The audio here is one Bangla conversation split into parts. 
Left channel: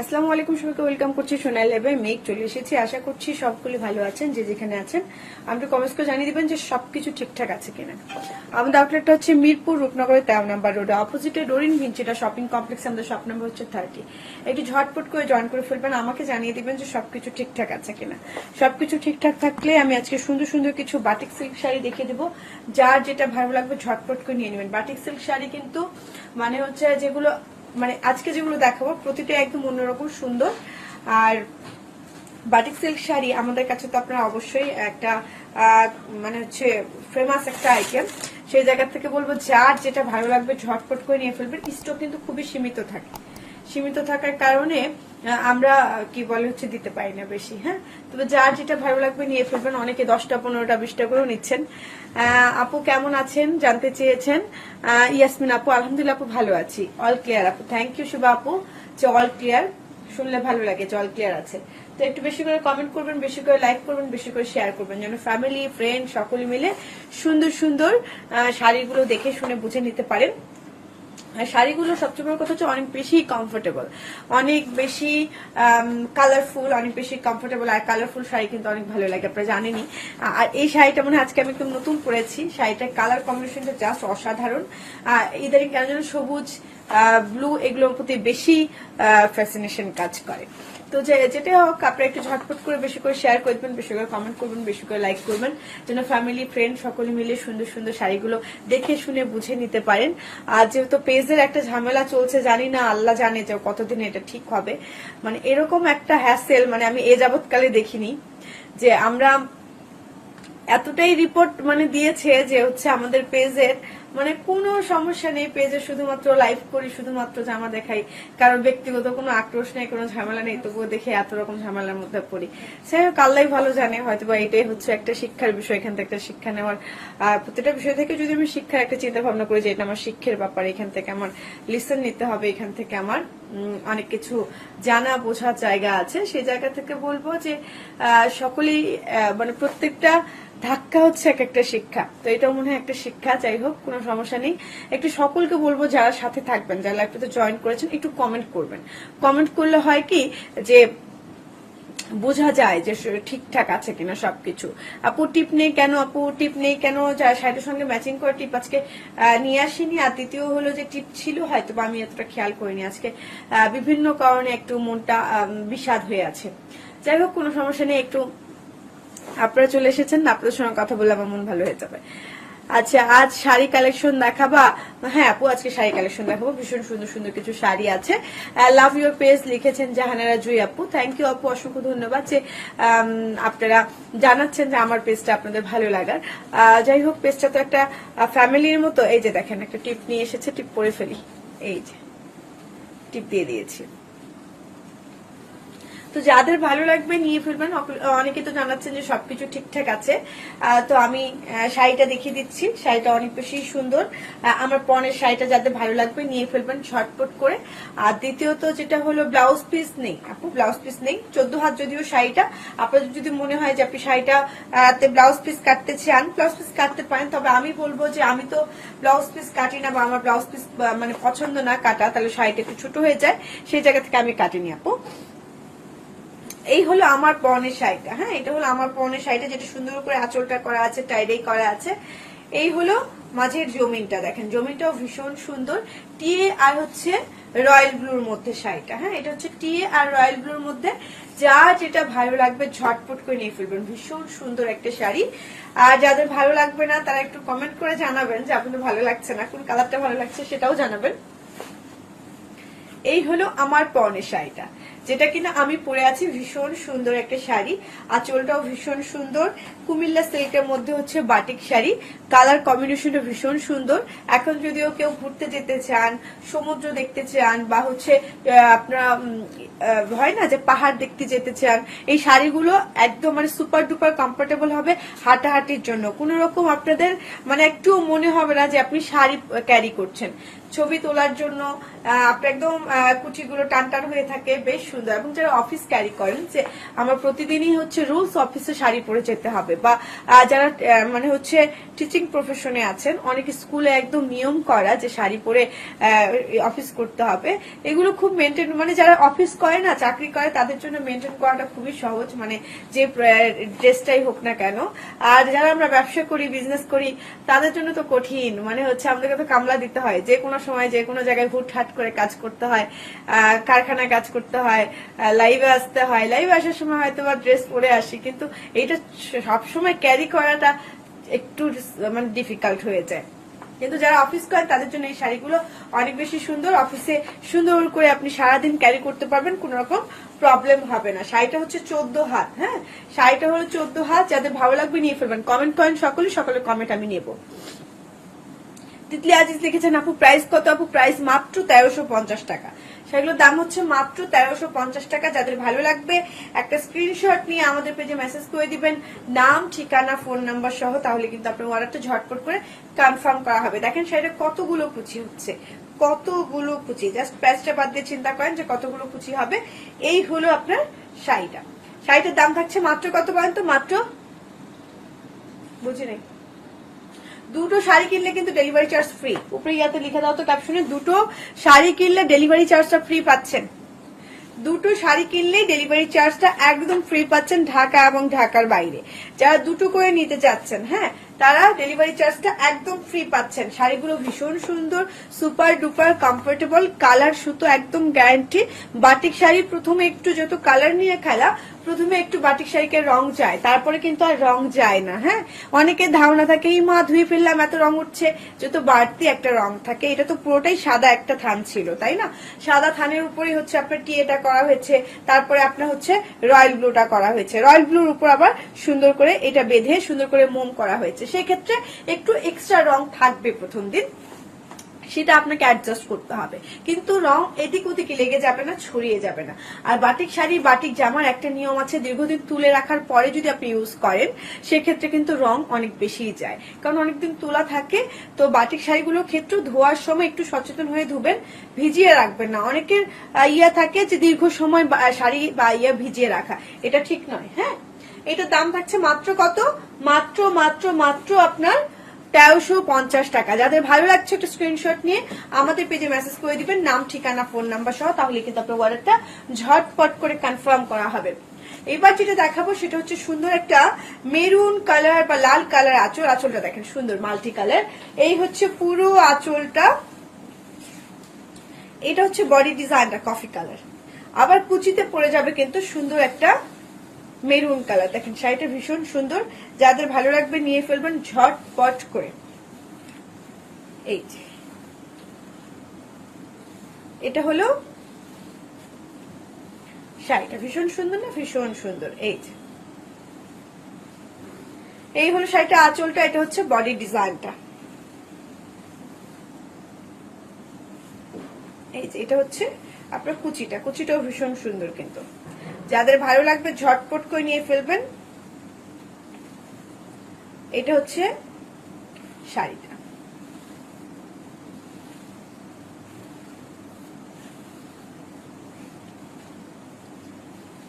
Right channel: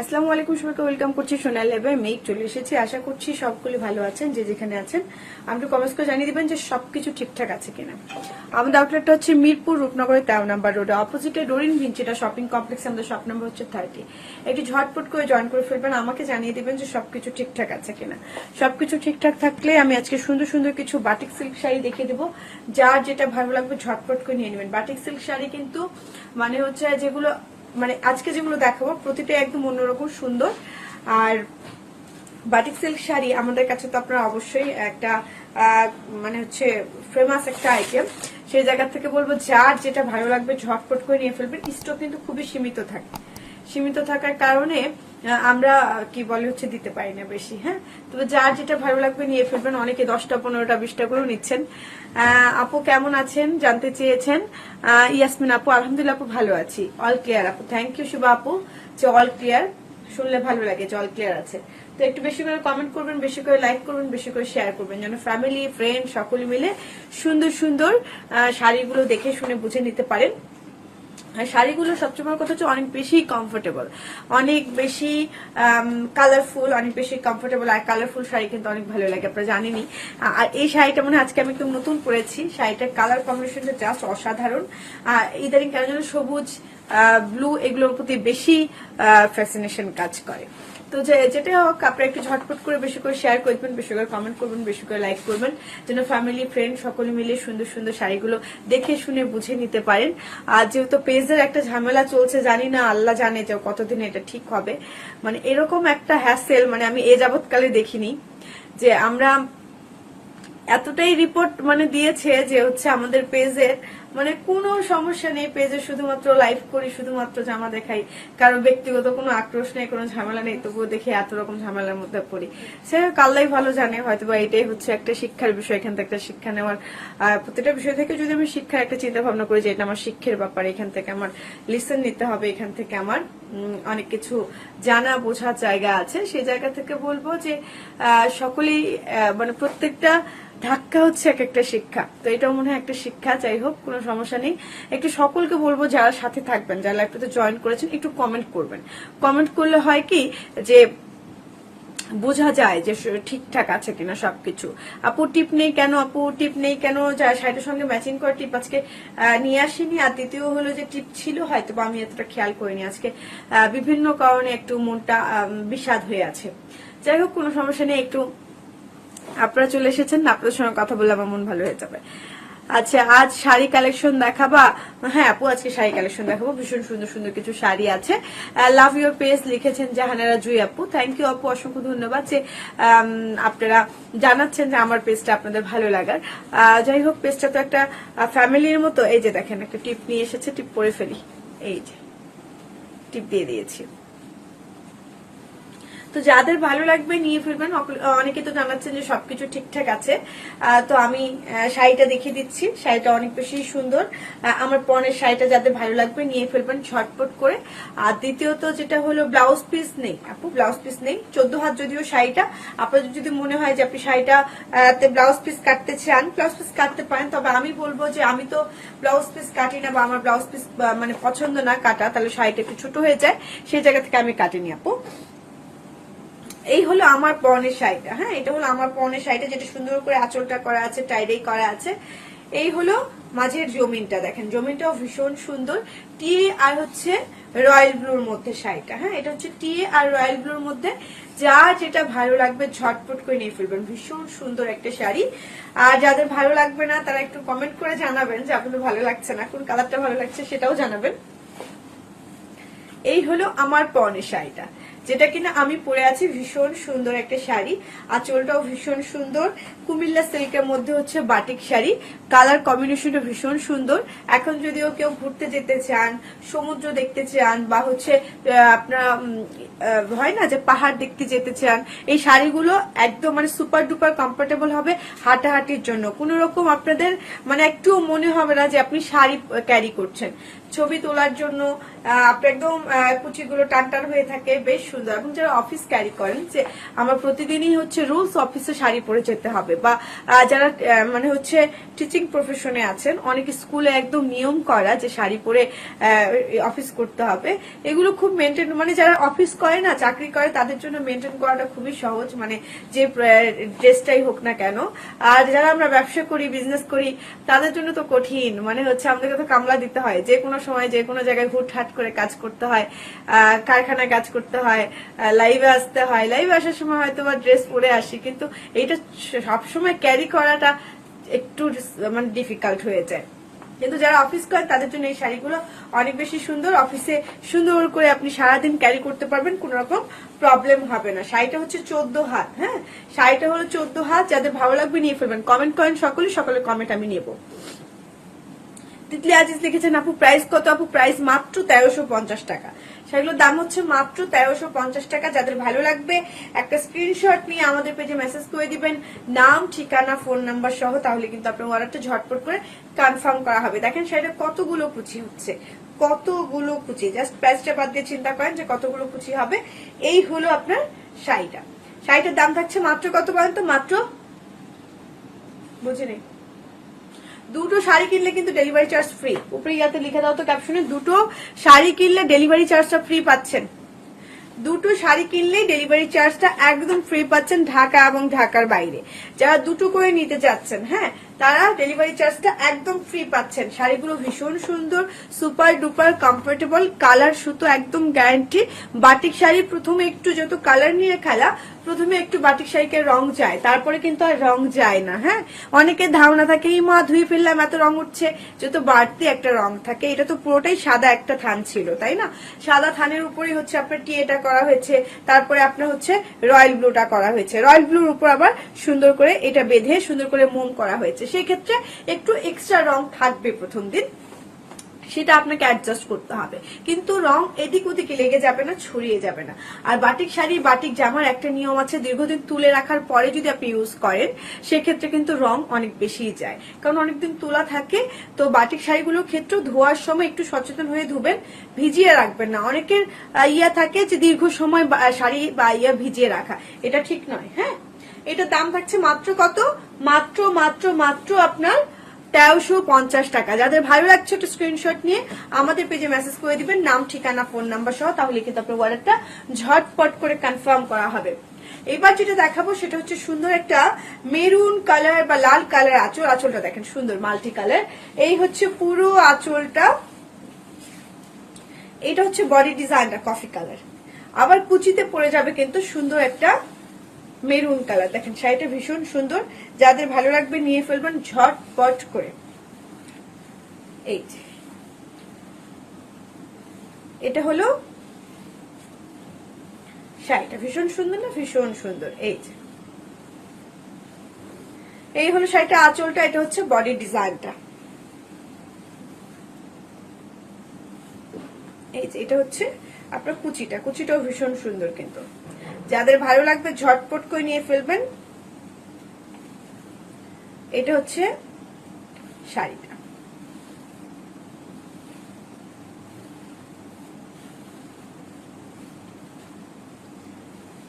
আসসালামু আলাইকুম, সবাইকে ওয়েলকাম করছি সোনাল লেবে। মেঘ চলে এসেছি, আশা করছি সবগুলি ভালো আছেন। যে যেখানে আছেন আমাকে কমেন্টস করে জানিয়ে দিবেন যে সবকিছু ঠিকঠাক আছে কিনা। আমাদের আউটলেটটা হচ্ছে মিরপুর রূপনগরের 13 নম্বর রোডে, অপোজিটে ডোরিন ভিঞ্চিটা শপিং কমপ্লেক্স। আমাদের শপ নাম্বার হচ্ছে 30। একটু ঝটপট করে জয়েন করে ফেলবেন, আমাকে জানিয়ে দিবেন যে সবকিছু ঠিকঠাক আছে কিনা। সবকিছু ঠিকঠাক থাকলে আমি আজকে সুন্দর সুন্দর কিছু বাটিক সিল্ক শাড়ি দেখিয়ে দেবো। যার যেটা ভালো লাগবে ঝটপট করে নিয়ে নেবেন। বাটিক সিল্ক শাড়ি কিন্তু মানে হচ্ছে যেগুলো মানে আজকে যেগুলো দেখাবো প্রতিটা একদম অন্যরকম সুন্দর। আর বাটিক সিল্ক শাড়ি আমাদের কাছে তো আপনারা অবশ্যই একটা মানে হচ্ছে ফেমাস একটা আইটেম। সেই জায়গা থেকে বলবো যার যেটা ভালো লাগবে ঝটপট করে নিয়ে ফেলবেন। স্টক কিন্তু খুবই সীমিত থাকে, সীমিত থাকার কারণে আমরা কি বলে হচ্ছে দিতে পারি না বেশি। হ্যাঁ, তবে যার যেটা ভালো লাগবে নিয়ে ফেলবেন। অনেকে 10টা 15টা 20টা করেও নিচ্ছেন। আপু কেমন আছেন জানতে চেয়েছেন। ইয়াসমিন আপু আলহামদুলিল্লাহ আপু ভালো আছি, অল ক্লিয়ার আপু। থ্যাংক ইউ শুভা আপু যে অল ক্লিয়ার শুনলে ভালো লাগে যে অল ক্লিয়ার আছে। তো একটু বেশি করে কমেন্ট করবেন, বেশি করে লাইক করবেন, বেশি করে শেয়ার করবেন, যেন ফ্যামিলি ফ্রেন্ড সকলে মিলে সুন্দর সুন্দর শাড়িগুলো দেখে শুনে বুঝে নিতে পারেন। শাড়িগুলো সবচেয়ে বড় কথা হচ্ছে অনেক বেশি কমফোর্টেবল, অনেক বেশি কালারফুল, অনেক বেশি কমফোর্টেবল। আর কালারফুল শাড়ি কিন্তু অনেক ভালো লাগে, আপনারা জানেনই। আর এই শাড়িটা মানে আজকে আমি একদম নতুন পরেছি। শাড়িটার কালার কম্বিনেশনটা জাস্ট অসাধারণ। ইদারিং কেন যেন সবুজ ব্লু এগুলোর প্রতি বেশি ফ্যাসিনেশন কাজ করে। তো যেটা হোক আপনারা একটু ঝটপট করে বেশি করে শেয়ার করবেন, বেশি করে কমেন্ট করবেন, বেশি করে লাইক করবেন, যেন ফ্যামিলি ফ্রেন্ড সকলে মিলে সুন্দর সুন্দর শাড়িগুলো দেখে শুনে বুঝে নিতে পারেন। আর যেহেতু পেজের একটা ঝামেলা চলছে, জানি না আল্লাহ জানে যে কতদিন এটা ঠিক হবে। মানে এরকম একটা হ্যাসেল মানে আমি এ যাবৎকালে দেখিনি যে আমরা এতটাই রিপোর্ট মানে দিয়েছে যে হচ্ছে আমাদের পেজের মানে কোনো সমস্যা নেই। পেজে শুধুমাত্র লাইভ করি, শুধুমাত্র জামা দেখাই, কারণ ব্যক্তিগত কোনো আক্রোশ নেই, কোনো ঝামেলা নেই, তবুও দেখে এত রকম ঝামেলার মধ্যে পড়ি। সে কাল্লাই ভালো জানে, হয়তো বা এটাই হচ্ছে একটা শিক্ষার বিষয়। এখান থেকে একটা শিক্ষা নেওয়ার, প্রতিটা বিষয় থেকে যদি আমি শিক্ষার একটা চিন্তা ভাবনা করি যে এটা আমার শিক্ষার ব্যাপার, এখান থেকে আমার লিসন নিতে হবে, এখান থেকে আমার অনেক কিছু জানা বোঝার জায়গা আছে। সেই জায়গা থেকে বলবো যে সকলেই মানে প্রত্যেকটা ধাক্কা হচ্ছে এক একটা শিক্ষা। তো এটাও মনে হয় একটা শিক্ষা। যাই হোক, কোনো সমস্যা নেই। একটু সকলকে বলবো যারা সাথে থাকবেন, যারা লাইভটাতে জয়েন করেছেন, একটু কমেন্ট করবেন। কমেন্ট করলে হয় কি যে বোঝা যায় যে ঠিকঠাক আছে কিনা সবকিছু। আপু টিপ নেই কেন, আপু টিপ নেই কেন, যা শাড়ির সঙ্গে ম্যাচিং করে টিপ আজকে নিয়ে আসিনি। আর দ্বিতীয় হলো যে টিপ ছিল হয়তো বা আমি এতটা খেয়াল করিনি। আজকে বিভিন্ন কারণে একটু মনটা বিষাদ হয়ে আছে। যাই হোক, কোনো সমস্যা নেই। একটু আপনারা চলে এসেছেন, আপনাদের সঙ্গে কথা বললে আমার মন ভালো হয়ে যাবে। আচ্ছা, আজ শাড়ি কালেকশন দেখাবা? হ্যাঁ আপু, আজকে শাড়ি কালেকশন দেখাবো। ভীষণ সুন্দর সুন্দর কিছু শাড়ি আছে। লাভ ইউর পেজ লিখেছেন জাহানারা জুই আপু, থ্যাংক ইউ আপু, অসংখ্য ধন্যবাদ যে আপনারা জানাচ্ছেন যে আমার পেজটা আপনাদের ভালো লাগার। যাই হোক, পেজটা তো একটা ফ্যামিলির মতো। এই যে দেখেন একটা টিপ নিয়ে এসেছে, টিপ পরে ফেলি। এই যে টিপ দিয়ে দিয়েছি। তো যাদের ভালো লাগবে নিয়ে ফেলবেন। অনেকে তো জানাচ্ছেন যে সবকিছু ঠিকঠাক আছে। তো আমি শাড়িটা দেখিয়ে দিচ্ছি। শাড়িটা অনেক বেশি সুন্দর। আমার পরনের শাড়িটা যাদের ভালো লাগবে নিয়ে ফেলবেন ঝটপট করে। আর দ্বিতীয়ত যেটা হলো ব্লাউজ পিস নেই আপু, ব্লাউজ পিস নেই। 14 হাত যদিও শাড়িটা, আপনাদের যদি মনে হয় যে আপনি শাড়িটা ব্লাউজ পিস কাটতে চান, ব্লাউজ পিস কাটতে পারেন। তবে আমি বলবো যে আমি তো ব্লাউজ পিস কাটি না, বা আমার ব্লাউজ পিস মানে পছন্দ না কাটা, তাহলে শাড়িটা একটু ছোট হয়ে যায়, সেই জায়গা থেকে আমি কাটিনি আপু। এই হলো আমার পরনের শাড়িটা। হ্যাঁ, এটা হলো আমার পরনের শাড়িটা, যেটা সুন্দর করে আঁচলটা করা আছে, টাইডাই করা আছে। এই হলো মাঝের জমিনটা, দেখেন জমিনটাও ভীষণ সুন্দর। টিয়ে আর হচ্ছে রয়্যাল ব্লুর মধ্যে শাড়িটা। হ্যাঁ, এটা হচ্ছে টিয়ে আর রয়্যাল ব্লুর মধ্যে। যা যেটা ভালো লাগবে ঝটপট করে নিয়ে ফেলবেন। ভীষণ সুন্দর একটা শাড়ি। আর যাদের ভালো লাগবে না তারা একটু কমেন্ট করে জানাবেন যে আপনাদের ভালো লাগছে না, কোন কালারটা ভালো লাগছে সেটাও জানাবেন। এই হলো আমার পরনের শাড়িটা, যেটা কিনা আমি পরে আছি। ভীষণ সুন্দর একটা শাড়ি, আঁচলটাও ভীষণ সুন্দর। কুমিল্লা সিল্কের মধ্যে হচ্ছে বাটিক শাড়ি, কালার কম্বিনেশনটা ভীষণ সুন্দর। এখন যদিও কেউ ঘুরতে যেতে চান, সমুদ্র দেখতে চান, বা হচ্ছে আপনারা হয় না যে পাহাড় দেখতে যেতে চান, এই শাড়িগুলো একদম মানে সুপার ডুপার কমফোর্টেবল হবে হাঁটাহাঁটির জন্য। কোন রকম আপনাদের মানে একটু মনে হবে না যে আপনি শাড়ি ক্যারি করছেন। ছবি তোলার জন্য একদম কুচিগুলো টান টান হয়ে থাকে, বেশ সুন্দর। এবং যারা অফিস ক্যারি করেন যে আমার প্রতিদিনই হচ্ছে রুলস অফিসে শাড়ি পরে যেতে হবে, বা যারা মানে হচ্ছে টিচিং প্রফেশনে আছেন, অনেক স্কুলে একদম নিয়ম করা যে শাড়ি পরে অফিস করতে হবে, এগুলো খুব মেনটেন, মানে যারা অফিস করে না, চাকরি করে, তাদের জন্য মেনটেন করাটা খুবই সহজ, মানে যে ড্রেসটাই হোক না কেন। আর যারা আমরা ব্যবসা করি, বিজনেস করি, তাদের জন্য তো কঠিন, মানে হচ্ছে আমাদেরকে তো কামলা দিতে হয়, যে কোনো সময় যে কোনো জায়গায় হুটহাট করে কাজ করতে হয়, কারখানায় কাজ করতে হয়, লাইভে আসতে হয়, লাইভে আসার সময় হয়তো বা ড্রেস পরে আসি, কিন্তু এইটা সবসময় ক্যারি করাটা একটু মানে ডিফিকাল্ট হয়ে যায়। কিন্তু যারা অফিস করেন তাদের জন্য এই শাড়িগুলো অনেক বেশি সুন্দর, অফিসে সুন্দর করে আপনি সারাদিন ক্যারি করতে পারবেন, কোন রকম প্রবলেম হবে না। শাড়িটা হচ্ছে 14 হাত, হ্যাঁ, শাড়িটা হলো 14 হাত। যাদের ভালো লাগবে নিয়ে ফেলবেন, কমেন্ট করেন সকলে কমেন্ট আমি নেব। তিতলি আজিজ লিখেছেন আপু প্রাইস কত? আপু প্রাইস মাত্র 1350 টাকা। সেগুলোর দাম হচ্ছে মাত্র 1350 টাকা। যাদের ভালো লাগবে একটা স্ক্রিনশট নিয়ে আমাদের পেজে মেসেজ করে দিবেন, নাম, ঠিকানা, ফোন নাম্বার সহ, তাহলে কিন্তু আপনার অর্ডারটা ঝটপট করে কনফার্ম করা হবে। দেখেন শাড়িটা কতগুলো কুচি হচ্ছে, কতগুলো কুচি, জাস্ট প্রাইসটা বাদ দিয়ে চিন্তা করেন যে কতগুলো কুচি হবে। এই হলো আপনার শাড়িটা। শাড়িটার দাম থাকছে মাত্র কত বলেন তো? মাত্র, বুঝিনি, দুটো শাড়ি কিনলে কিন্তু ডেলিভারি চার্জ ফ্রি। উপরে ইয়াতে লিখে দাও তো ক্যাপশনে, দুটো শাড়ি কিনলে ডেলিভারি চার্জটা ফ্রি পাচ্ছেন। দুটো শাড়ি কিনলেই ডেলিভারি চার্জটা একদম ফ্রি পাচ্ছেন, ঢাকা এবং ঢাকার বাইরে। যারা দুটো করে নিতে চাচ্ছেন, হ্যাঁ, তারা ডেলিভারি চার্জটা একদম ফ্রি পাচ্ছেন। শাড়িগুলো ভীষণ সুন্দর, সুপার ডুপার কমফোর্টেবল, কালার সুতো একদম গ্যারান্টি। বাটিক শাড়ি প্রথমে একটু যত কালার নিয়ে খেলা, প্রথমে একটু বাটিক শাড়িকে রং যায়, তারপরে কিন্তু আর রং যায় না। হ্যাঁ, অনেকের ধারণা থাকে এই মা ধুয়ে ফেললাম এত রং উঠছে, যত বাড়তি একটা রং থাকে। এটা তো পুরোটাই সাদা একটা থান ছিল, তাই না? সাদা থানের উপরে হচ্ছে আপনার টিয়েটা করা হয়েছে, তারপরে আপনার হচ্ছে রয়্যাল ব্লুটা করা হয়েছে, রয়্যাল ব্লুর উপর আবার সুন্দর করে এটা বেঁধে সুন্দর করে মোম করা হয়েছে। সেই ক্ষেত্রে একটু এক্সট্রা রং থাকবে প্রথম দিন, সেটা আপনাকে অ্যাডজাস্ট করতে হবে, কিন্তু রং এদিক ওদিকে লেগে যাবে না, ছড়িয়ে যাবে না। আর বাটিক শাড়ি, বাটিক জামার একটা নিয়ম আছে, দীর্ঘদিন তুলে রাখার পরে যদি আপনি ইউজ করেন সেক্ষেত্রে কিন্তু রং অনেক বেশি যায়, কারণ অনেকদিন তোলা থাকে। তো বাটিক শাড়িগুলোর ক্ষেত্রে ধোয়ার সময় একটু সচেতন হয়ে ধুবেন, ভিজিয়ে রাখবেন না। অনেকের ইয়া থাকে যে দীর্ঘ সময় শাড়ি বা ইয়া ভিজিয়ে রাখা, এটা ঠিক নয়। হ্যাঁ, এটার দাম থাকছে মাত্র কত? মাত্র মাত্র মাত্র আপনার 1350 টাকা। যাদের ভালো লাগছে একটা স্ক্রিনশট নিয়ে আমাদের পেজে মেসেজ করে দিবেন, নাম, ঠিকানা, ফোন নাম্বার সহ, তাহলে কিন্তু আপনার অর্ডারটা ঝটপট করে কনফার্ম করা হবে। এবার যেটা দেখাবো সেটা হচ্ছে সুন্দর একটা মেরুন কালার বা লাল কালার আঁচল। আঁচলটা দেখেন সুন্দর মাল্টি কালার। এই হচ্ছে পুরো আঁচলটা, এটা হচ্ছে বডি ডিজাইনটা কফি কালার, আবার কুচিতে পড়ে যাবে কিন্তু সুন্দর একটা মেরুন কালার। দেখেন শাড়িটা ভীষণ সুন্দর, যাদের ভালো লাগবে নিয়ে ফেলবেন ঝটপট করে। এই এটা হলো শাড়িটা, ভীষণ সুন্দর না? ভীষণ সুন্দর। এই হলো শাড়িটা আঁচলটা, এটা হচ্ছে বডি ডিজাইনটা। এটা হচ্ছে আপনার কুচিটা, কুচিটাও ভীষণ সুন্দর। কিন্তু যাদের ভালো লাগবে ঝটপট করে নিয়ে ফেলবেন। এটা হচ্ছে শাড়িটা।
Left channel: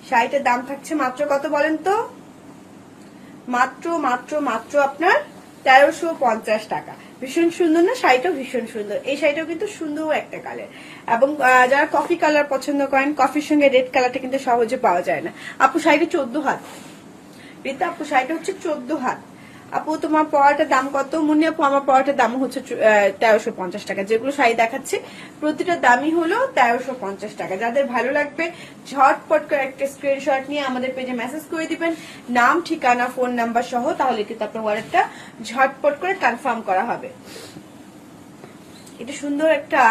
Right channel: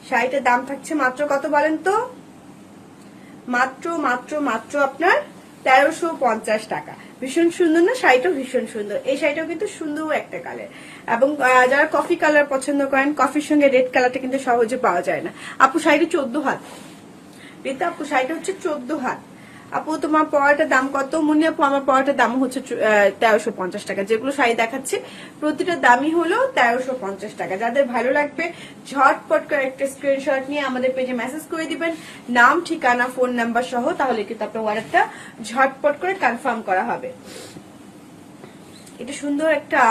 শাড়িটার দাম থাকছে মাত্র কত বলেন তো? মাত্র মাত্র মাত্র আপনার 1350 টাকা। ভীষণ সুন্দর না? শাড়িটাও ভীষণ সুন্দর। এই শাড়িটাও কিন্তু সুন্দর একটা কালার, এবং যারা কফি কালার পছন্দ করেন, কফির সঙ্গে রেড কালারটা কিন্তু সহজে পাওয়া যায় না। আপু শাড়িটা 14 হাত। রীতা আপু শাড়িটা হচ্ছে 14 হাত। আপু তোমার পরাটার দাম কত? মুন্নি আপু আমার পরাটার দাম হচ্ছে 1350 টাকা। যেগুলো শাড়ি দেখাচ্ছি প্রতিটার দামই হলো 1350 টাকা। যাদের ভালো লাগবে ঝটপট করে একটা স্ক্রিনশট নিয়ে আমাদের পেজে মেসেজ করে দিবেন, নাম, ঠিকানা, ফোন নাম্বার সহ, তাহলে কিন্তু আপনার অর্ডারটা ঝটপট করে কনফার্ম করা হবে। এটা সুন্দর একটা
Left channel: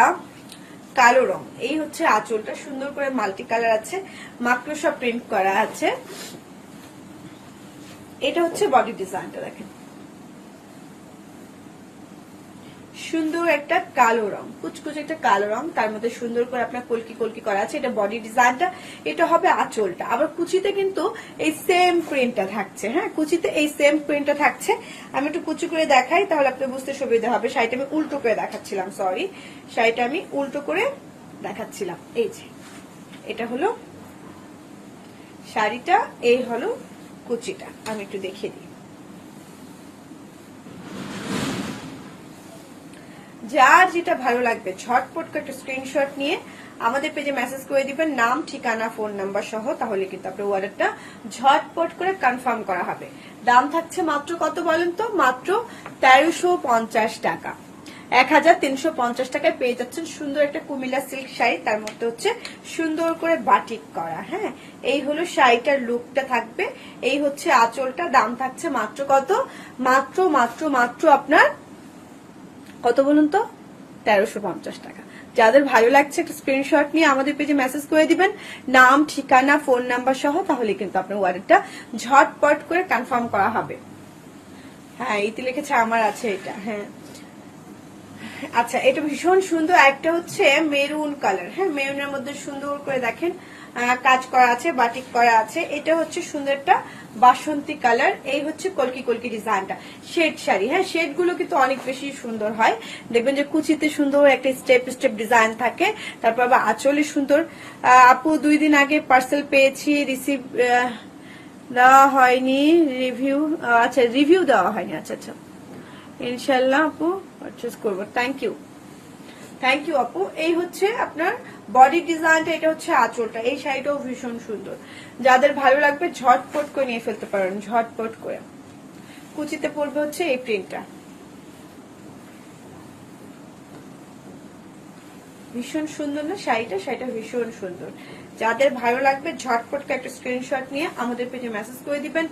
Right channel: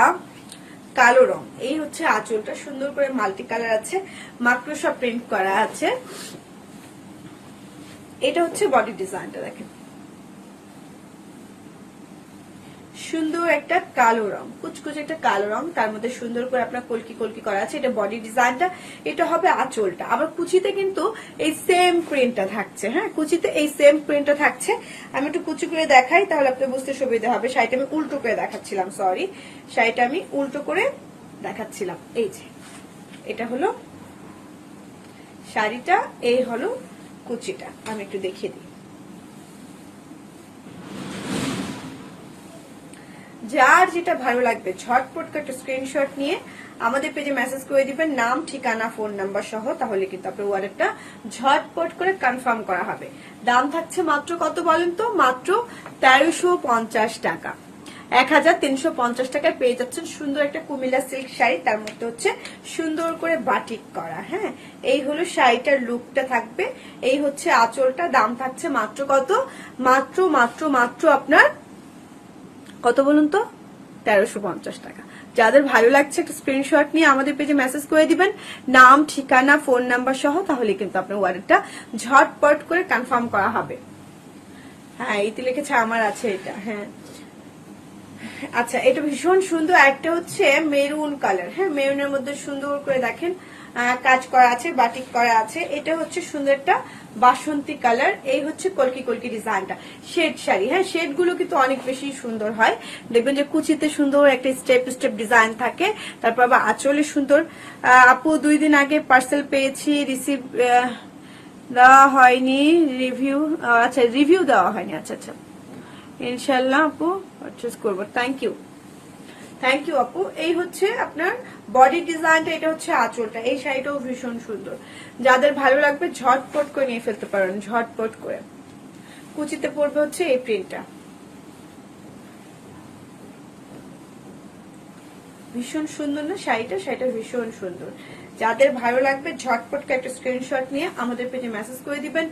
কালো রং। এই হচ্ছে আঁচলটা, সুন্দর করে মাল্টি কালার আছে, মাকড়সা প্রিন্ট করা আছে। এটা হচ্ছে বডি ডিজাইনটা, দেখেন সুন্দর একটা কালো রং, কুচকুচ একটা কালো রং, তার মধ্যে সুন্দর করে আপনার কলকি কলকি করা আছে। এটা বডি ডিজাইনটা, এটা হবে আঁচলটা। আবার কুচিতে কিন্তু এই সেম প্রিন্টটা থাকছে। হ্যাঁ, কুচিতে এই সেম প্রিন্টটা থাকছে। আমি একটু কুচি করে দেখাই, তাহলে আপনি বুঝতে সুবিধা হবে। শাড়িটা আমি উল্টো করে দেখাচ্ছিলাম, সরি, শাড়িটা আমি উল্টো করে দেখাচ্ছিলাম। এই যে এটা হলো শাড়িটা, এই হলো কুচিটা। আমি একটু দেখিয়ে দিই। যার যেটা ভালো লাগবে ঝটপট করে একটা স্ক্রিনশট নিয়ে আমাদের পেজে মেসেজ করে দিবেন, নাম, ঠিকানা, ফোন নাম্বার সহ। তাহলে কিন্তু আপনার অর্ডারটা ঝটপট করে কনফার্ম করা হবে। দাম থাকছে মাত্র কত বলেন তো? মাত্র 1350 টাকা। 1350 টাকায় পেয়ে যাচ্ছেন সুন্দর একটা কুমিল্লা সিল্ক শাড়ি। তার মধ্যে হচ্ছে সুন্দর করে বাটিক করা। হ্যাঁ, এই হলো শাড়িটার লুকটা থাকবে। এই হচ্ছে আঁচলটা। দাম থাকছে মাত্র কত? মাত্র মাত্র মাত্র আপনার কত বলুন তো? 1350 টাকা। যাদের ভালো লাগছে একটা স্ক্রিনশট নিয়ে আমাদের পেজে মেসেজ করে দিবেন, নাম, ঠিকানা, ফোন নাম্বার সহ। তাহলে কিন্তু আপনার অর্ডারটা ঝটপট করে কনফার্ম করা হবে। হ্যাঁ, এইতে লিখেছে আমার আছে এটা। হ্যাঁ, আচ্ছা, এটা ভীষণ সুন্দর। আরেকটা হচ্ছে মেরুন কালার। হ্যাঁ, মেরুনের মধ্যে সুন্দর করে দেখেন কাজ করা আছে, বাটিক করা আছে। এটা হচ্ছে সুন্দর একটা বাসন্তী কালার। এই হচ্ছে কলকি কলকি ডিজাইনটা। শেড শাড়ি। হ্যাঁ, শেড গুলো কিন্তু অনেক বেশি সুন্দর হয়। দেখবেন যে কুচিতে সুন্দর একটা স্টেপ স্টেপ ডিজাইন থাকে। তারপর আবার আঁচলে সুন্দর। আপু 2 দিন আগে পার্সেল পেয়েছি, রিসিভ দেওয়া হয়নি, রিভিউ, আচ্ছা রিভিউ দেওয়া হয়নি। আচ্ছা আচ্ছা, ইনশাল্লাহ আপু পারচেজ করবো। থ্যাংক ইউ, থ্যাংক ইউ আপু। এই হচ্ছে আপনার বডি ডিজাইনটা, এটা হচ্ছে আঁচলটা। এই শাড়িটাও ভীষণ সুন্দর। যাদের ভালো লাগবে ঝটপট করে নিয়ে ফেলতে পারেন, ঝটপট করে। কুচিতে পড়বে হচ্ছে এই প্রিন্টটা। ভীষণ সুন্দর না শাড়িটা? শাড়িটা ভীষণ সুন্দর। যাদের ভালো লাগবে ঝটপট একটা স্ক্রিনশট নিয়ে আমাদের পেজে মেসেজ করে দিবেন,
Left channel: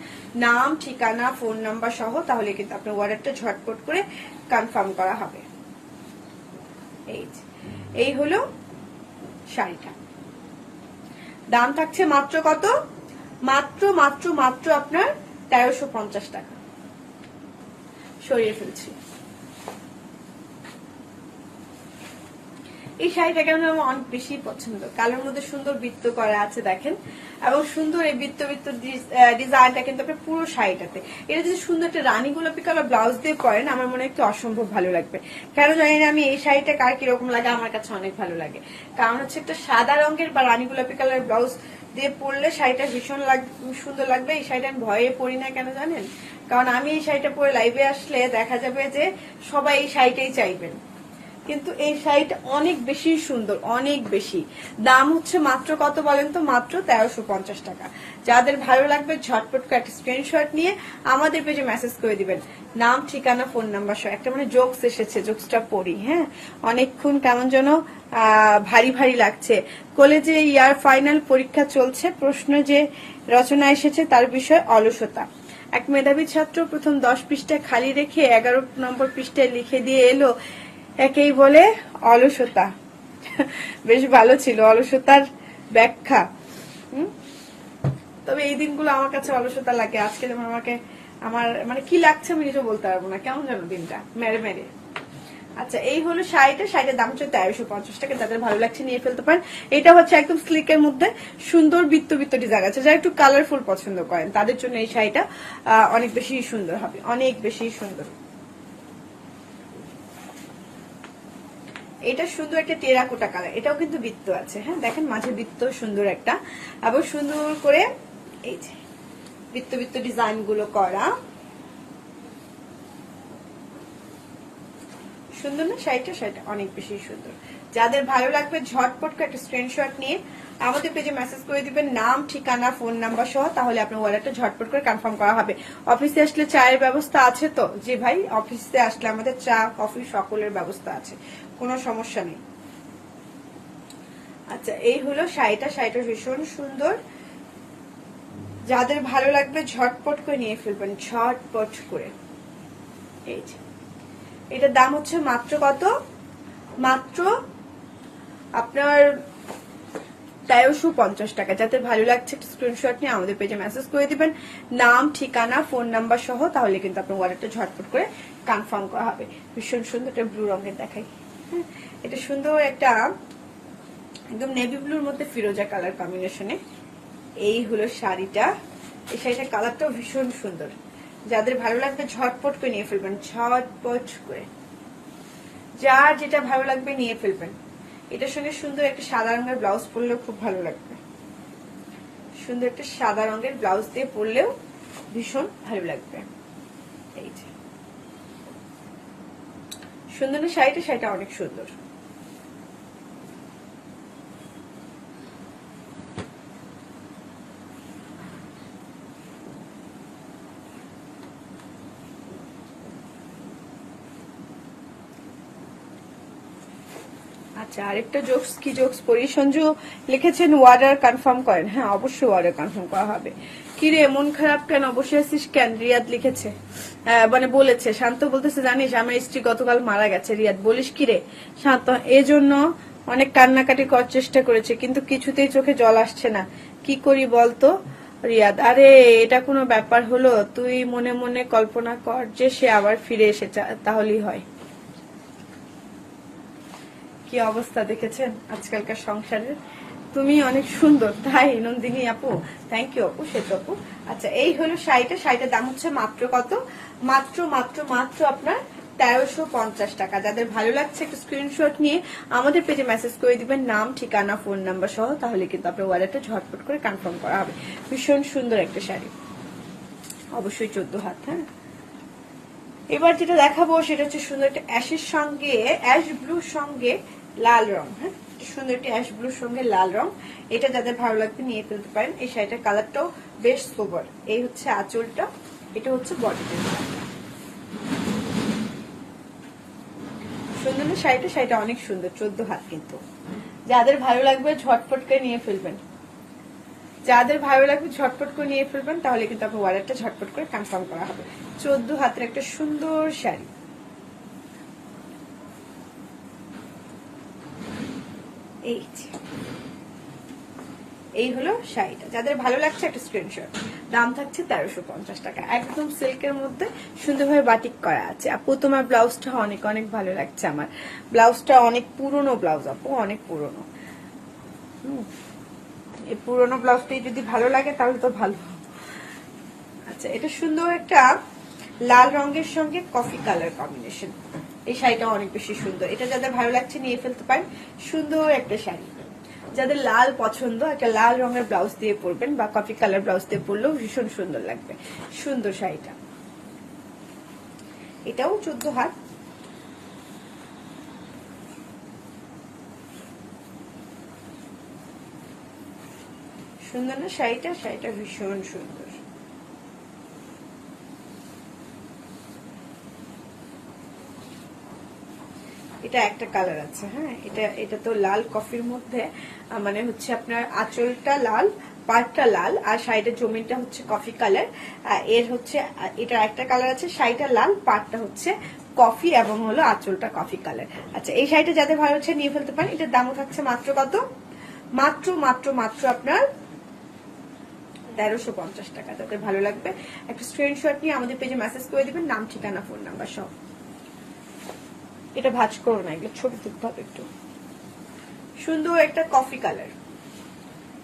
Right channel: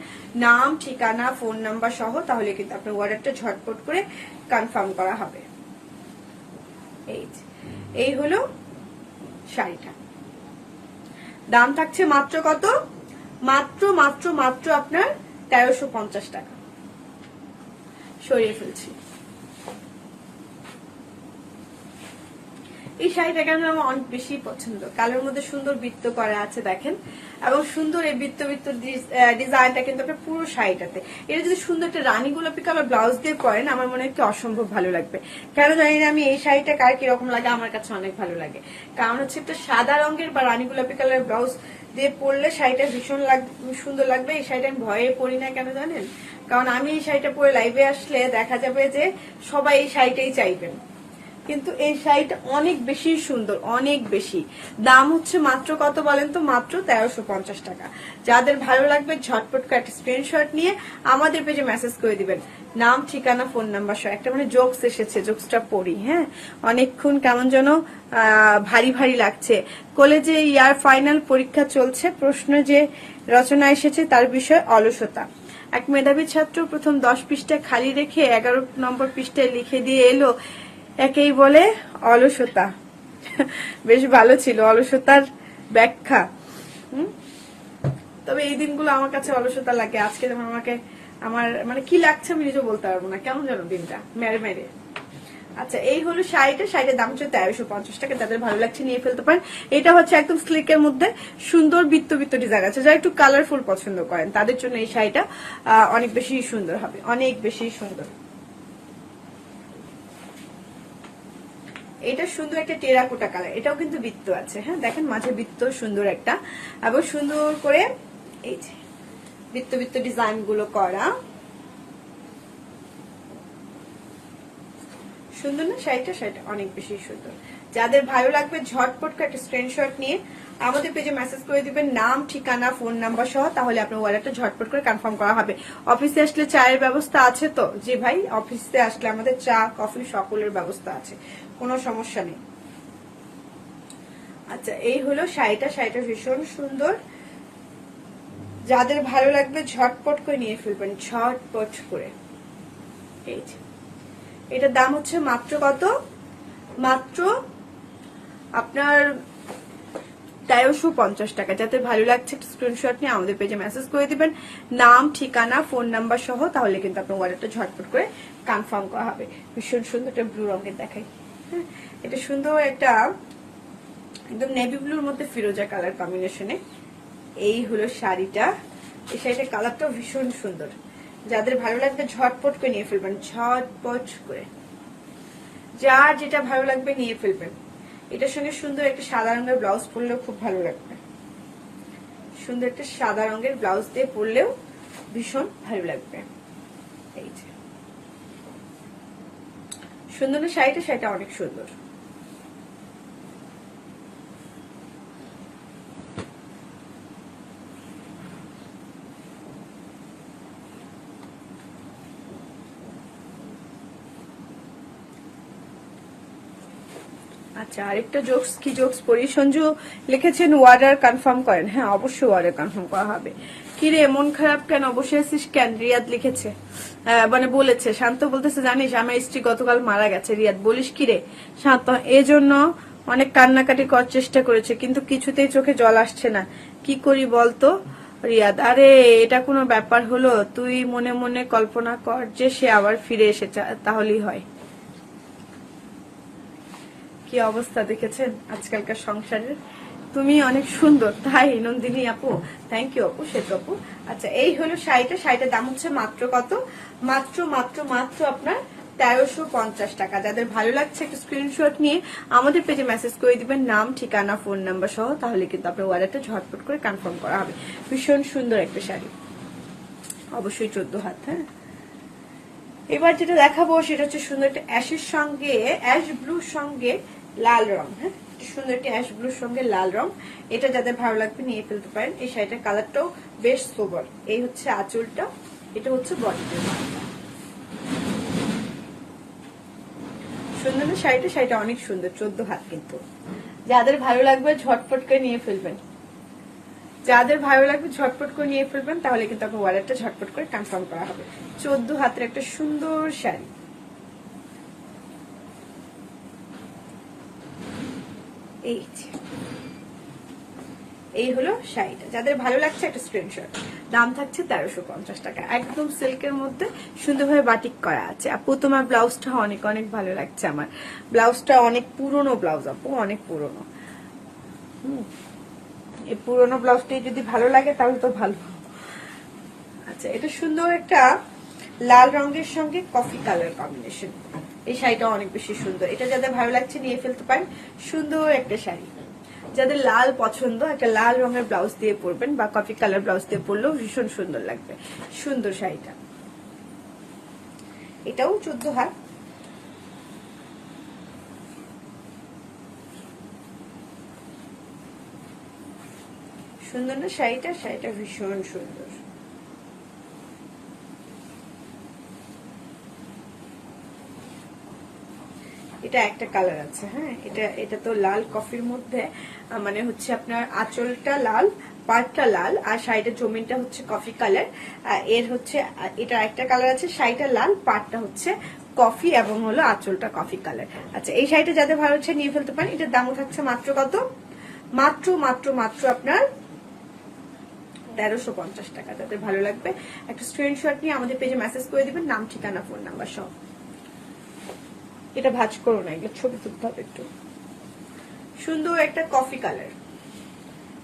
নাম, ঠিকানা, ফোন নাম্বার সহ। তাহলে কিন্তু আপনার অর্ডারটা ঝটপট করে কনফার্ম করা হবে। এই হলো শাড়িটা। দাম থাকছে মাত্র কত? মাত্র মাত্র মাত্র আপনার 1350 টাকা। সরিয়ে ফেলছি। এই শাড়িটাকে আমি আমার অনেক বেশি পছন্দ। কালোর মধ্যে সুন্দর বৃত্ত করা আছে দেখেন, এবং সুন্দর এই বৃত্ত বৃত্ত ডিজাইনটা কিন্তু আপনার পুরো শাড়িটাতে। এটা যদি সুন্দর একটা রানী গোলাপি কালার ব্লাউজ দিয়ে করেন, আমার মনে হয় একটু অসম্ভব ভালো লাগবে। কেন জানি না, আমি এই শাড়িটা কার কিরকম লাগে, আমার কাছে অনেক ভালো লাগে। কারণ হচ্ছে একটা সাদা রঙের বা রানী গোলাপি কালার ব্লাউজ দিয়ে পরলে শাড়িটা ভীষণ সুন্দর লাগবে। এই শাড়িটা আমি ভয়ে পরি না, কেন জানেন? কারণ আমি এই শাড়িটা পরে লাইভে আসলে দেখা যাবে যে সবাই এই শাড়িটাই চাইবেন। কিন্তু এই শাড়িটা অনেক বেশি সুন্দর, অনেক বেশি। দাম হচ্ছে মাত্র কত বলেন তো? মাত্র 1350 টাকা। যাদের ভালো লাগবে ঝটপট একটা স্ক্রিনশট নিয়ে আমাদের পেজে মেসেজ করে দিবেন, নাম, ঠিকানা, ফোন নাম্বার সহ। একটা মানে জোকস এসেছে, জোকসটা পড়ি। হ্যাঁ, অনেকক্ষণ কেমন যেন ভারী ভারী লাগছে। কলেজে ইয়ার ফাইনাল পরীক্ষা চলছে, প্রশ্ন যে রচনা এসেছে তার বিষয় অলসতা। এক মেধাবী ছাত্র প্রথম 10 পৃষ্ঠা খালি রেখে 11 নম্বর পৃষ্ঠায় লিখে দিয়ে এলো, একেই বলে অলসতা। বেশ ভালো ছিল অলসতার ব্যাখ্যা। তবে এই দিনগুলো আমার কাছে অলসতা লাগে। আজকে যেমন আমাকে আমার মানে কি লাগছে আমি নিজে বলতে পারবো না, কেমন যেন দিনটা মেরে মেরে। আচ্ছা, এই হলো শাড়িটা। শাড়িটার দাম হচ্ছে 1350 টাকা। যাদের ভালো লাগছে নিয়ে ফেলতে পারেন। এটা হচ্ছে একদম স্লিকের মধ্যে সুন্দর বৃত্ত বৃত্ত ডিজাইন আছে। যারা একটু কালারফুল পছন্দ করেন তাদের জন্য এই শাড়িটা অনেক বেশি সুন্দর হবে, অনেক বেশি সুন্দর। এটা সুন্দর একটা টেরাকোটা কালার। এটাও কিন্তু বৃত্ত আছে। হ্যাঁ, দেখেন মাঝে বৃত্ত সুন্দর একটা, এবং সুন্দর করে এই বৃত্ত বৃত্ত ডিজাইন গুলো করা। সুন্দর না শাড়িটা? শাড়িটা অনেক বেশি সুন্দর। যাদের ভালো লাগবে ঝটপট করে একটা স্ক্রিনশট নিয়ে আমাদের পেজে মেসেজ করে দিবেন, নাম, ঠিকানা, ফোন নাম্বার সহ। তাহলে আপনার অর্ডারটা ঝটপট করে কনফার্ম করা হবে। অফিসে আসলে চায়ের ব্যবস্থা আছে তো? জি ভাই, অফিসে আসলে আমাদের চা, কফি সকলের ব্যবস্থা আছে, কোনো সমস্যা নেই। আচ্ছা, এই হলো শাড়িটা। শাড়িটা ভীষণ সুন্দর। যাদের ভালো লাগবে ঝটপট করে নিয়ে ফেলবেন, ঝটপট করে। এই যে এটার দাম হচ্ছে মাত্র কত? মাত্র আপনার 1350 টাকা। যাদের ভালো লাগছে একটা স্ক্রিনশট নিয়ে আমাদের পেজে মেসেজ করে দিবেন, নাম, ঠিকানা, ফোন নাম্বার সহ, তাহলে কিন্তু আপনার অর্ডারটা ঝটপট করে কনফার্ম করা হবে। ভীষণ সুন্দর একটা ব্লু রঙের দেখাই, হ্যাঁ এটা সুন্দর একটা একদম নেভি ব্লুর মধ্যে ফিরোজা কালার কম্বিনেশনে। এই হলো শাড়িটা, এই শাড়িটার কালারটাও ভীষণ সুন্দর। যাদের ভালো লাগবে ঝটপট করে নিয়ে ফেলবেন, ঝটপট করে, যার যেটা ভালো লাগবে নিয়ে ফেলবেন। এটার সঙ্গে সুন্দর একটা সাদা রঙের ব্লাউজ পরলেও খুব ভালো লাগবে, সুন্দর একটা সাদা রঙের ব্লাউজ দিয়ে পরলেও ভীষণ ভালো লাগবে। এই যে সুন্দর না শাড়িটা, শাড়িটা অনেক সুন্দর। আচ্ছা আরেকটা জোকস, কি জোকস পড়ি। সঞ্জু লিখেছেন ওয়ার্ডার কনফার্ম করেন। হ্যাঁ অবশ্যই ওয়ার্ডার কনফার্ম করা হবে। কি রে মন খারাপ কেন, বসে আছিস কেন? রিয়াদ লিখেছে, মানে বলেছে, শান্ত বলতেছে জানিস আমার স্ত্রী গতকাল মারা গেছে। রিয়াদ বলিস কি রে? শান্ত এই জন্য অনেক কান্নাকাটি করার চেষ্টা করেছে, কিন্তু কিছুতেই চোখে জল আসছে না, কি করি বলতো? রিয়াদ আরে এটা কোনো ব্যাপার হলো? তুই মনে মনে কল্পনা কর যে সে আবার ফিরে এসে তাহলেই হয়। কি অবস্থা দেখেছেন আজকালকার সংসারের। তুমি অনেক সুন্দর তাই নন্দিনী আপু, থ্যাংক ইউ আপু, শেখ আপু। আচ্ছা এই হলো শাড়িটা, শাড়িটার দাম হচ্ছে মাত্র কত? মাত্র মাত্র মাত্র আপনার 1350 টাকা। যাদের ভালো লাগছে একটা স্ক্রিনশট নিয়ে আমাদের পেজে মেসেজ করে দিবেন, নাম, ঠিকানা, ফোন নাম্বার সহ, তাহলে কিন্তু আপনার অর্ডারটা ঝটপট করে কনফার্ম করা হবে। ভীষণ সুন্দর একটা শাড়ি, অবশ্যই 14 হাত। হ্যাঁ এবার যেটা দেখাবো সেটা হচ্ছে সুন্দর একটা অ্যাশের সঙ্গে, অ্যাশ ব্লুর সঙ্গে লাল রং। হ্যাঁ সুন্দর একটা অ্যাশ ব্লুর সঙ্গে লাল রং, এটা যাদের ভালো লাগবে নিয়ে ফেলতে পারেন। এই শাড়িটার কালারটাও বেশ সোবার। এই হচ্ছে আঁচলটা, এটা হচ্ছে বডিটা। সুন্দর না শাড়িটা? শাড়িটা অনেক সুন্দর, 14 হাত কিন্তু। যাদের ভালো লাগবে ঝটপট করে নিয়ে ফেলবেন, যাদের ভালো লাগবে ঝটপট করে নিয়ে ফেলবেন, তাহলে কিন্তু আপনার অর্ডারটা ঝটপট করে কনফার্ম করা হবে। 14 হাতের একটা সুন্দর শাড়ি। এই হলো শাড়িটা, যাদের ভালো লাগছে একটা স্ক্রিনশট। দাম থাকছে 1350 টাকা, একদম সিল্কের মধ্যে সুন্দরভাবে বাটিক করা আছে। আপু তোমার ব্লাউজটা অনেক অনেক ভালো লাগছে, আমার ব্লাউজটা অনেক পুরনো ব্লাউজ আপু, অনেক পুরনো। এই পুরনো ব্লাউজটাই যদি ভালো লাগে তাহলে তো ভালো। আচ্ছা এটা সুন্দর একটা লাল রঙের সঙ্গে কফি কালার কম্বিনেশন। এই শাড়িটা অনেক বেশি সুন্দর, এটা যাদের ভালো লাগছে নিয়ে ফেলতে পারেন। সুন্দর একটা শাড়ি, যাদের লাল পছন্দ একটা লাল রঙের ব্লাউজ দিয়ে পরবেন বা কফি কালার ব্লাউজ দিয়ে পরলেও ভীষণ সুন্দর লাগবে। সুন্দর শাড়িটা, এটাও 14 হাত। সুন্দর না শাড়িটা? শাড়িটা ভীষণ সুন্দর। এটা একটা কালার আছে। হ্যাঁ এটা তো লাল কফির মধ্যে, মানে হচ্ছে আপনার আঁচলটা লাল, পাড়টা লাল, আর শাড়িটার জমিনটা হচ্ছে কফি কালার। এর হচ্ছে এটা একটা কালার আছে, শাড়িটা লাল, পাড়টা হচ্ছে কফি এবং হলো আঁচলটা কফি কালার। আচ্ছা এই শাড়িটা যাদের ভালো হচ্ছে নিয়ে ফেলতে পারেন। এটার দামও থাকছে মাত্র কত? মাত্র মাত্র মাত্র আপনার 1350 টাকা। যাদের ভালো লাগবে একটা স্ক্রিনশট নিয়ে আমাদের পেজে মেসেজ করে দিবেন, নাম, ঠিকানা, ফোন নাম্বার সব। এটা ভাঁজ করো না, এগুলো ছবি তুলতে হবে একটু। সুন্দর একটা কফি কালার,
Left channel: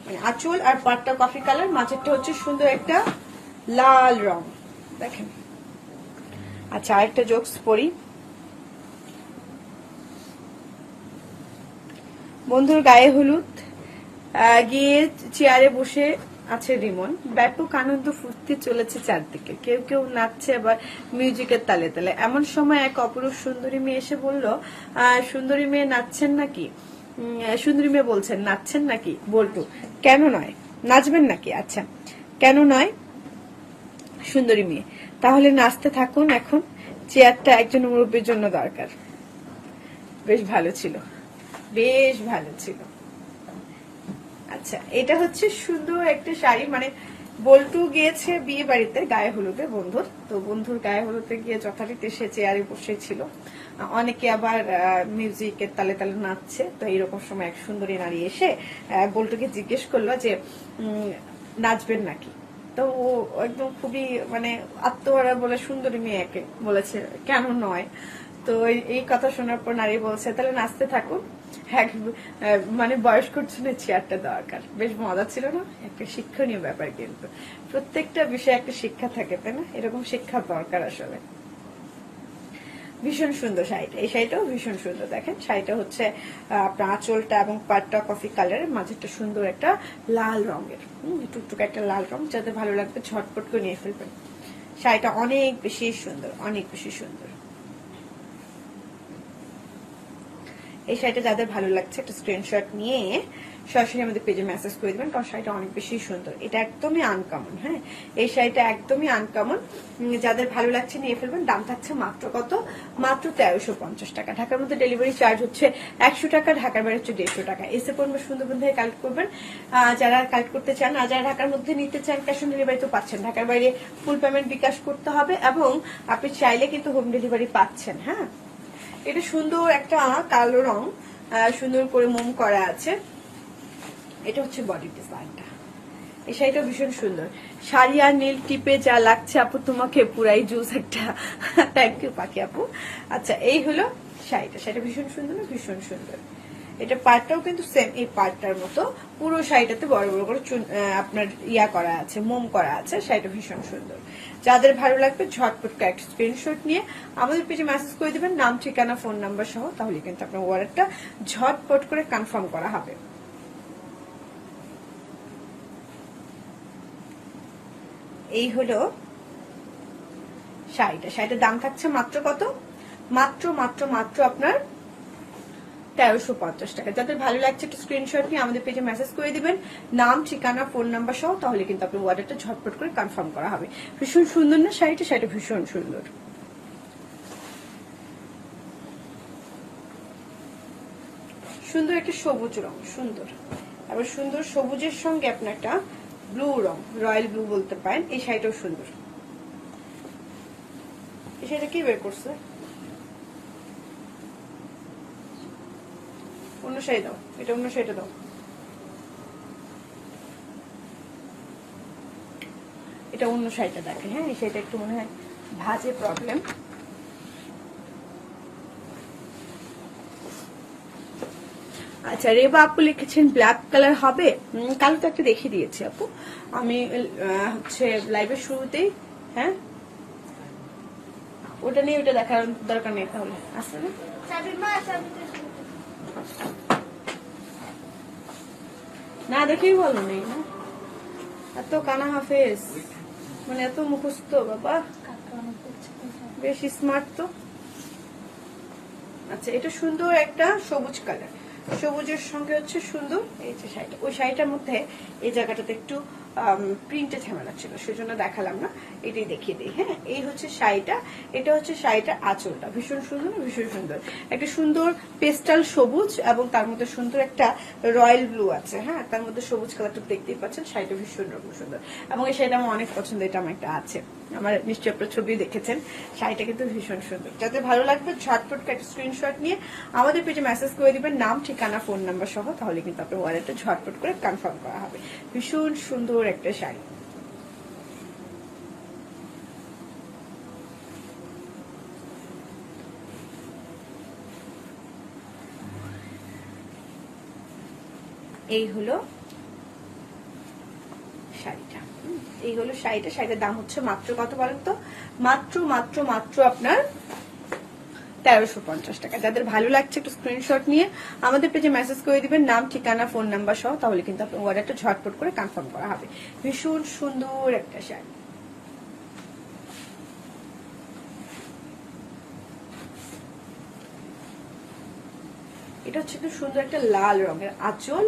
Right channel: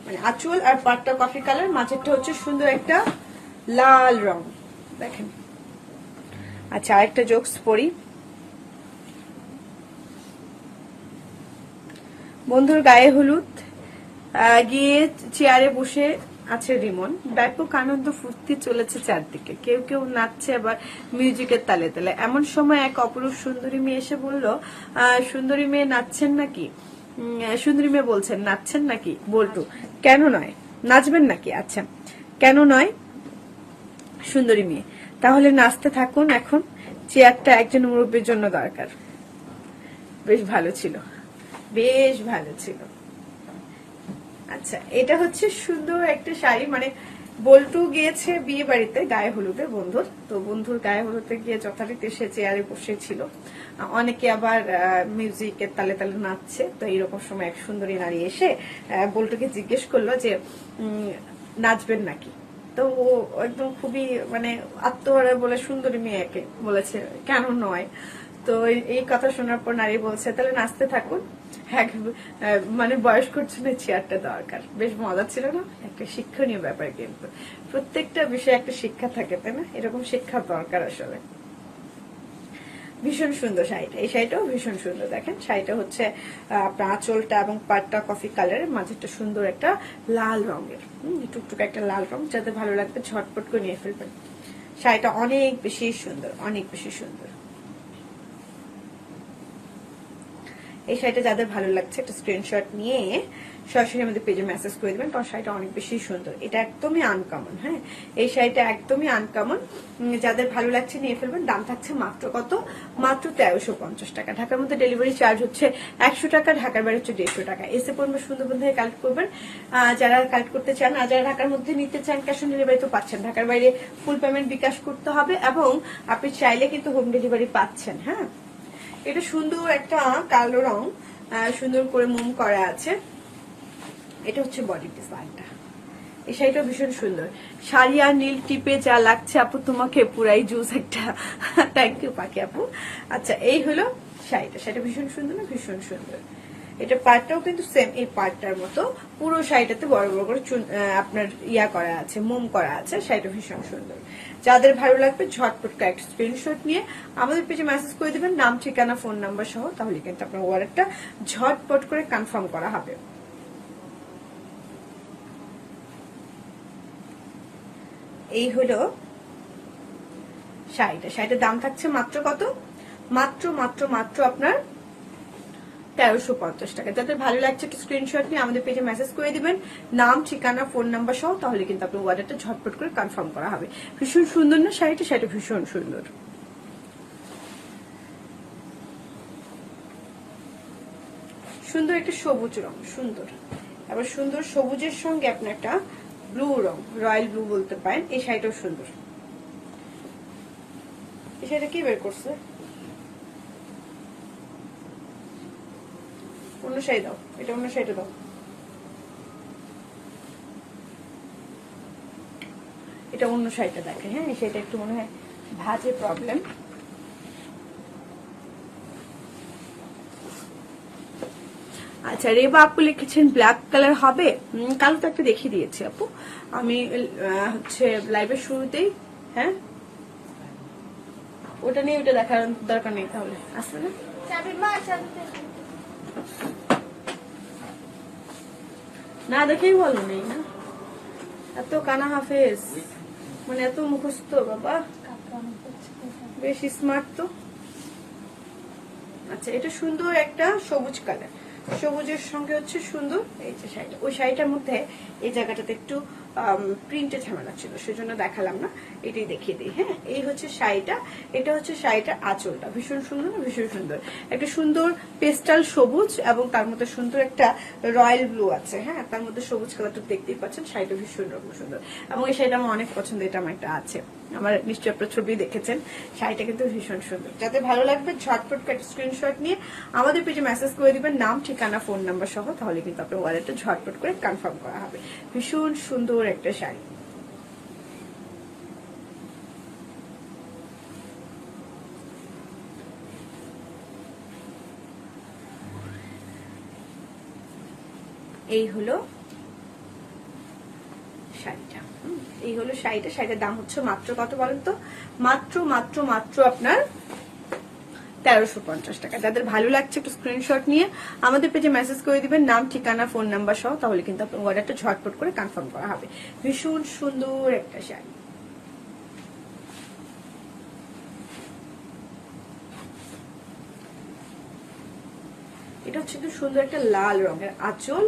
মানে আঁচল আর পাটটা কফি কালার, মাঝেরটা হচ্ছে সুন্দর একটা লাল রং, দেখেন। আচ্ছা আরেকটা জোকস পড়ি। বন্ধুর গায়ে হলুদ, গিয়ে চেয়ারে বসে আছে রিমন, ব্যাপক আনন্দ ফুর্তি চলেছে চারদিকে, কেউ কেউ নাচছে আবার মিউজিকের তালে তালে। এমন সময় এক অপরূপ সুন্দরী মেয়ে এসে বলল, সুন্দরী মেয়ে নাচছেন নাকি? সুন্দরী মেয়ে বলছেন নাচছেন নাকি? বল্টু কেন নয়, নাচবেন নাকি? আচ্ছা কেন নয়? সুন্দরী মেয়ে তাহলে নাচতে থাকুন, এখন চেয়ারটা একজন মুরব্বীর জন্য দরকার। বেশ ভালো ছিল, বেশ ভালো ছিল। আচ্ছা এটা হচ্ছে সুন্দর একটা শাড়ি, মানে বল্টু গিয়েছে বিয়ে বাড়িতে গায়ে হলুদে বন্ধুর, তো বন্ধুর গায়ে হলুদে গিয়ে যথারীতি সে চেয়ারে বসেছিল। অনেকে আবার মিউজিকের তালে তালে নাচছে। তো এইরকম সময় এক সুন্দরী নারী এসে বল্টুকে জিজ্ঞেস করলো যে নাচবেন নাকি। তো ও একদম খুবই মানে আত্মহারা বলে সুন্দরী মেয়েকে বলেছে কেন নয়। তো এই কথা শোনার পর নারী বলছে তাহলে নাচতে থাকুন, মানে বয়স্কর জন্য চেয়ারটা দরকার। বেশ মজা ছিল না? একটা শিক্ষণীয় ব্যাপার, কিন্তু প্রত্যেকটা বিষয়ে একটা শিক্ষা থাকে, তাই না? এরকম শিক্ষা দরকার আসলে। ভীষণ সুন্দর শাড়িটা, এই শাড়িটাও ভীষণ সুন্দর। দেখেন শাড়িটা হচ্ছে আপনার আঁচলটা এবং পাটটা কফি কালারের, মাঝেরটা সুন্দর একটা লাল রঙের, টুকটুক একটা লাল রং। যাদের ভালো লাগবে ঝটপট করে নিয়ে ফেলবেন। শাড়িটা অনেক বেশি সুন্দর, অনেক বেশি সুন্দর। এই শাড়িটা যাদের ভালো লাগছে একটা স্ক্রিনশট নিয়ে সরাসরি আমাদের পেজে মেসেজ করে দেবেন, কারণ শাড়িটা অনেক বেশি সুন্দর। এটা একদমই আনকমন। হ্যাঁ, এই শাড়িটা একদমই আনকমন। যাদের ভালো লাগছে নিয়ে ফেলবেন। দাম থাকছে মাত্র কত? মাত্র 1350 টাকা। ঢাকার মধ্যে ডেলিভারি চার্জ হচ্ছে 100 টাকা, ঢাকার বাইরে হচ্ছে 150 টাকা। এসে পরিমাণ সুন্দরবন থেকে কালেক্ট করবেন যারা কালেক্ট করতে চান। আর যারা ঢাকার মধ্যে নিতে চান ক্যাশ অন ডেলিভারি তো পাচ্ছেন, ঢাকার বাইরে ফুল পেমেন্ট বিকাশ করতে হবে এবং আপনি চাইলে কিন্তু হোম ডেলিভারি পাচ্ছেন। হ্যাঁ, এটা সুন্দর একটা কালো রং, সুন্দর করে মোম করা আছে। এটা হচ্ছে বডি ডিজাইনটা। এই শাড়িটা ভীষণ সুন্দর। শাড়ি আর নীল টিপে যা লাগছে আপু তোমাকে পুরাই জুস একটা। থ্যাংক ইউ পাখি আপু। আচ্ছা, এই হলো শাড়িটা। শাড়িটা ভীষণ সুন্দর, ভীষণ সুন্দর। এটা পার্টটাও কিন্তু সেম এই পার্টটার মতো। পুরো শাড়িটাতে বড় বড় করে আপনার ইয়া করা আছে, মোম করা আছে। শাড়িটা ভীষণ সুন্দর। যাদের ভালো লাগবে ঝটপট একটা স্ক্রিনশট নিয়ে আমাদের পেজে মেসেজ করে দেবেন, নাম ঠিকানা ফোন নাম্বার সহ, তাহলে কিন্তু আপনার ওয়ালেটটা ঝটপট করে কনফার্ম করা হবে। এই হলো শাড়িটা। শাড়িটার দাম থাকছে মাত্র কত? মাত্র মাত্র মাত্র আপনার 1350 টাকা। যাদের ভালো লাগছে একটা স্ক্রিনশট নিয়ে আমাদের পেজে মেসেজ করে দিবেন, নাম ঠিকানা ফোন নাম্বার সহ, তাহলে কিন্তু আপনার অর্ডারটা ঝটপট করে কনফার্ম করা হবে। ভীষণ সুন্দর না শাড়িটা? শাড়িটা ভীষণ সুন্দর। সুন্দর একটা সবুজ রং, সুন্দর। আবার সুন্দর সবুজের সঙ্গে আপনার একটা ব্লু রং, রয়্যাল ব্লু বলতে পারেন। এই শাড়িটাও সুন্দর। এই শাড়িটা কি বের করছে? অন্য শাড়ি দাও, এটা অন্য শাড়িটা দাও। এটা অন্য শাড়িটা দেখো। হ্যাঁ, সেটা একটু মনে হয় ভাঁজে প্রবলেম। আচ্ছা, রেবা আপু লিখেছেন ব্ল্যাক কালার হবে। কালো তো একটা দেখিয়ে দিয়েছি আপু আমি হচ্ছে লাইভের শুরুতেই। হ্যাঁ, ওটা নিয়ে ওটা দেখার দরকার নেই তাহলে। আসলে না দেখেই বলো নেই না? এত কানা হাফেজ, মানে এত মুখস্থ বাবা, বেশ স্মার্ট তো। আচ্ছা, এটা সুন্দর একটা সবুজ কালার, সবুজের সঙ্গে হচ্ছে সুন্দর এই যে শাড়িটা। ওই শাড়িটার মধ্যে এই জায়গাটাতে একটু প্রিন্টে ঝামেলা ছিল, সেজন্য দেখালাম না, এটাই দেখিয়ে দিই। হ্যাঁ, এই হচ্ছে শাড়িটা। এটা হচ্ছে শাড়িটার আঁচলটা। ভীষণ সুন্দর, ভীষণ সুন্দর। একটা সুন্দর পেস্টাল সবুজ এবং তার মধ্যে সুন্দর একটা রয়্যাল ব্লু আছে। হ্যাঁ, তার মধ্যে সবুজ কালারটা দেখতেই পাচ্ছেন। শাড়িটা ভীষণ রকম সুন্দর এবং এই শাড়িটা আমার অনেক পছন্দ। এটা আমার একটা আছে, আমার নিশ্চয়ই আপনার ছবি দেখেছেন। শাড়িটা কিন্তু ভীষণ সুন্দর। যাদের ভালো লাগবে ঝটপট একটা স্ক্রিনশট নিয়ে আমাদের পেজে মেসেজ করে দিবেন, নাম ঠিকানা ফোন নাম্বার সহ, তাহলে কিন্তু আপনার ওয়ালেটে ঝটপট করে কনফার্ম করা হবে। ভীষণ সুন্দর একটা শাড়ি। এই হলো শাড়িটা। এই হলো শাড়িটা। শাড়িটার দাম হচ্ছে মাত্র কত বলেন তো? মাত্র মাত্র মাত্র আপনার 1350 টাকা। যাদের ভালো লাগছে একটু স্ক্রিনশট নিয়ে আমাদের পেজে মেসেজ করে দিবেন, নাম ঠিকানা ফোন নাম্বার সহ, তাহলে কিন্তু আপনার অর্ডারটা ঝটপট করে কনফার্ম করা হবে। ভীষণ সুন্দর একটা শাড়ি। এটা হচ্ছে খুব সুন্দর একটা লাল রঙের আঁচল।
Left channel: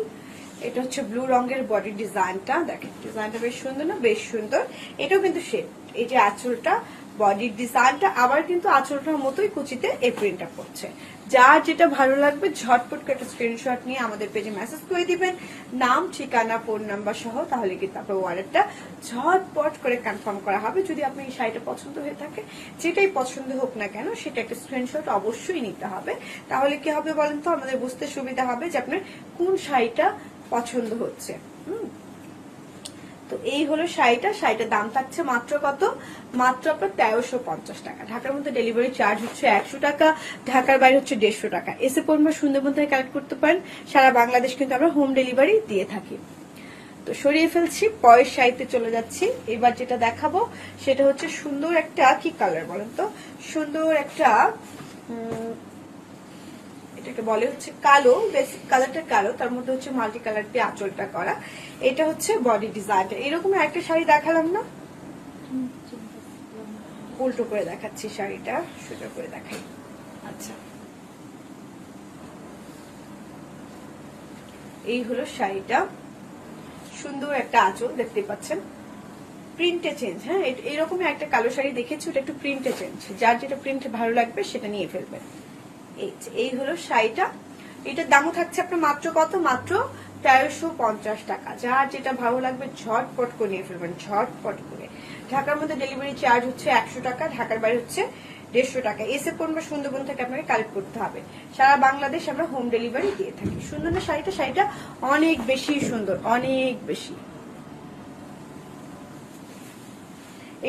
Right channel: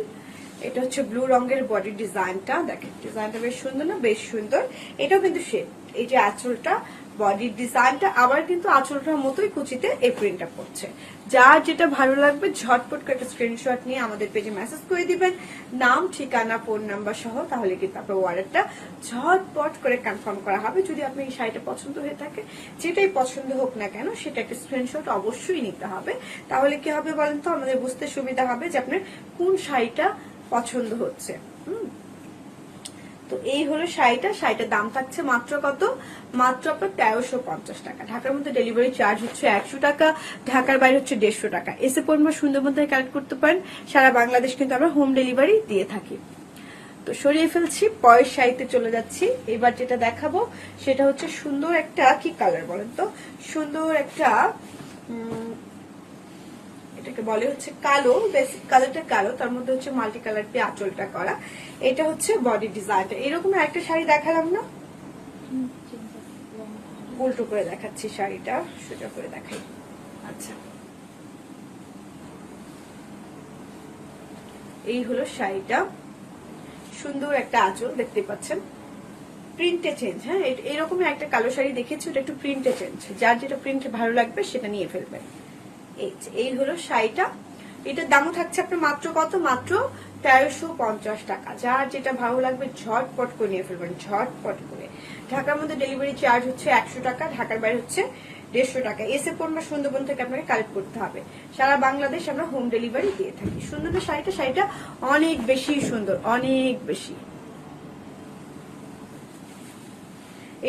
এটা হচ্ছে ব্লু রঙের বডি ডিজাইনটা। দেখেন ডিজাইনটা বেশ সুন্দর না? বেশ সুন্দর। এটাও কিন্তু শেপ, এই যে আঁচলটা, বডির ডিজাইনটা আবার কিন্তু আঁচলটার মতোই কুচিতে এই প্রিন্টটা করছে। যার যেটা ভালো লাগবে ঝটপট করে একটা স্ক্রিনশট নিয়ে আমাদের পেজে মেসেজ করে দিবেন, নাম, ঠিকানা, ফোন নাম্বার সহ। তাহলে কিন্তু আপনার অর্ডারটা ঝটপট করে কনফার্ম করা হবে। যদি আপনার এই শাড়িটা পছন্দ হয়ে থাকে, যেটাই পছন্দ হোক না কেন, সেটা একটা স্ক্রিনশট অবশ্যই নিতে হবে। তাহলে কি হবে বলেন তো, আমাদের বুঝতে সুবিধা হবে যে আপনার কোন শাড়িটা পছন্দ হচ্ছে। তো এই হলো শাড়িটার দাম থাকছে মাত্র কত, মাত্র আপনার 1350 টাকা। ঢাকার মধ্যে ডেলিভারি চার্জ হচ্ছে 100 টাকা, ঢাকার বাইরে হচ্ছে 150 টাকা। এসে পরিমাণ সুন্দরবন থেকে কালেক্ট করতে পারেন, সারা বাংলাদেশ কিন্তু আমরা হোম ডেলিভারি দিয়ে থাকি। তো সরিয়ে ফেলছি, পরের শাড়িতে চলে যাচ্ছি। এবার যেটা দেখাবো সেটা হচ্ছে সুন্দর একটা, কি কালার বলেন তো, সুন্দর একটা এটাকে বলে হচ্ছে কালো, বেসিক কালারটা কালো, তার মধ্যে হচ্ছে মাল্টি কালার দিয়ে আঁচলটা করা। এটা হচ্ছে বডি ডিজাইনটা। এরকম একটা শাড়ি দেখালাম না, উল্টো করে দেখাচ্ছি শাড়িটা, সোজা করে দেখাই। আচ্ছা, এই হলো শাড়িটা, সুন্দর একটা আঁচল দেখতে পাচ্ছেন, প্রিন্টে চেঞ্জ। হ্যাঁ, এরকম একটা কালো শাড়ি দেখেছি, ওটা একটু প্রিন্টে চেঞ্জ। যার যেটা প্রিন্ট ভালো লাগবে সেটা নিয়ে ফেলবেন। এই হলো শাড়িটা, এটার দামও থাকছে আপনার মাত্র কত, মাত্র 1350 টাকা। যার যেটা ভালো লাগবে ঝটপট করে নিয়ে ফেলবেন, ঝটপট করে। ঢাকার মধ্যে ডেলিভারি চার্জ হচ্ছে 100 টাকা, ঢাকার বাইরে হচ্ছে 150 টাকা। এসে পণ্য সুন্দরবন থেকে আপনাকে কালেক্ট করতে হবে। সারা বাংলাদেশ আমরা হোম ডেলিভারি দিয়ে থাকি। সুন্দর না শাড়িটা অনেক বেশি সুন্দর, অনেক বেশি।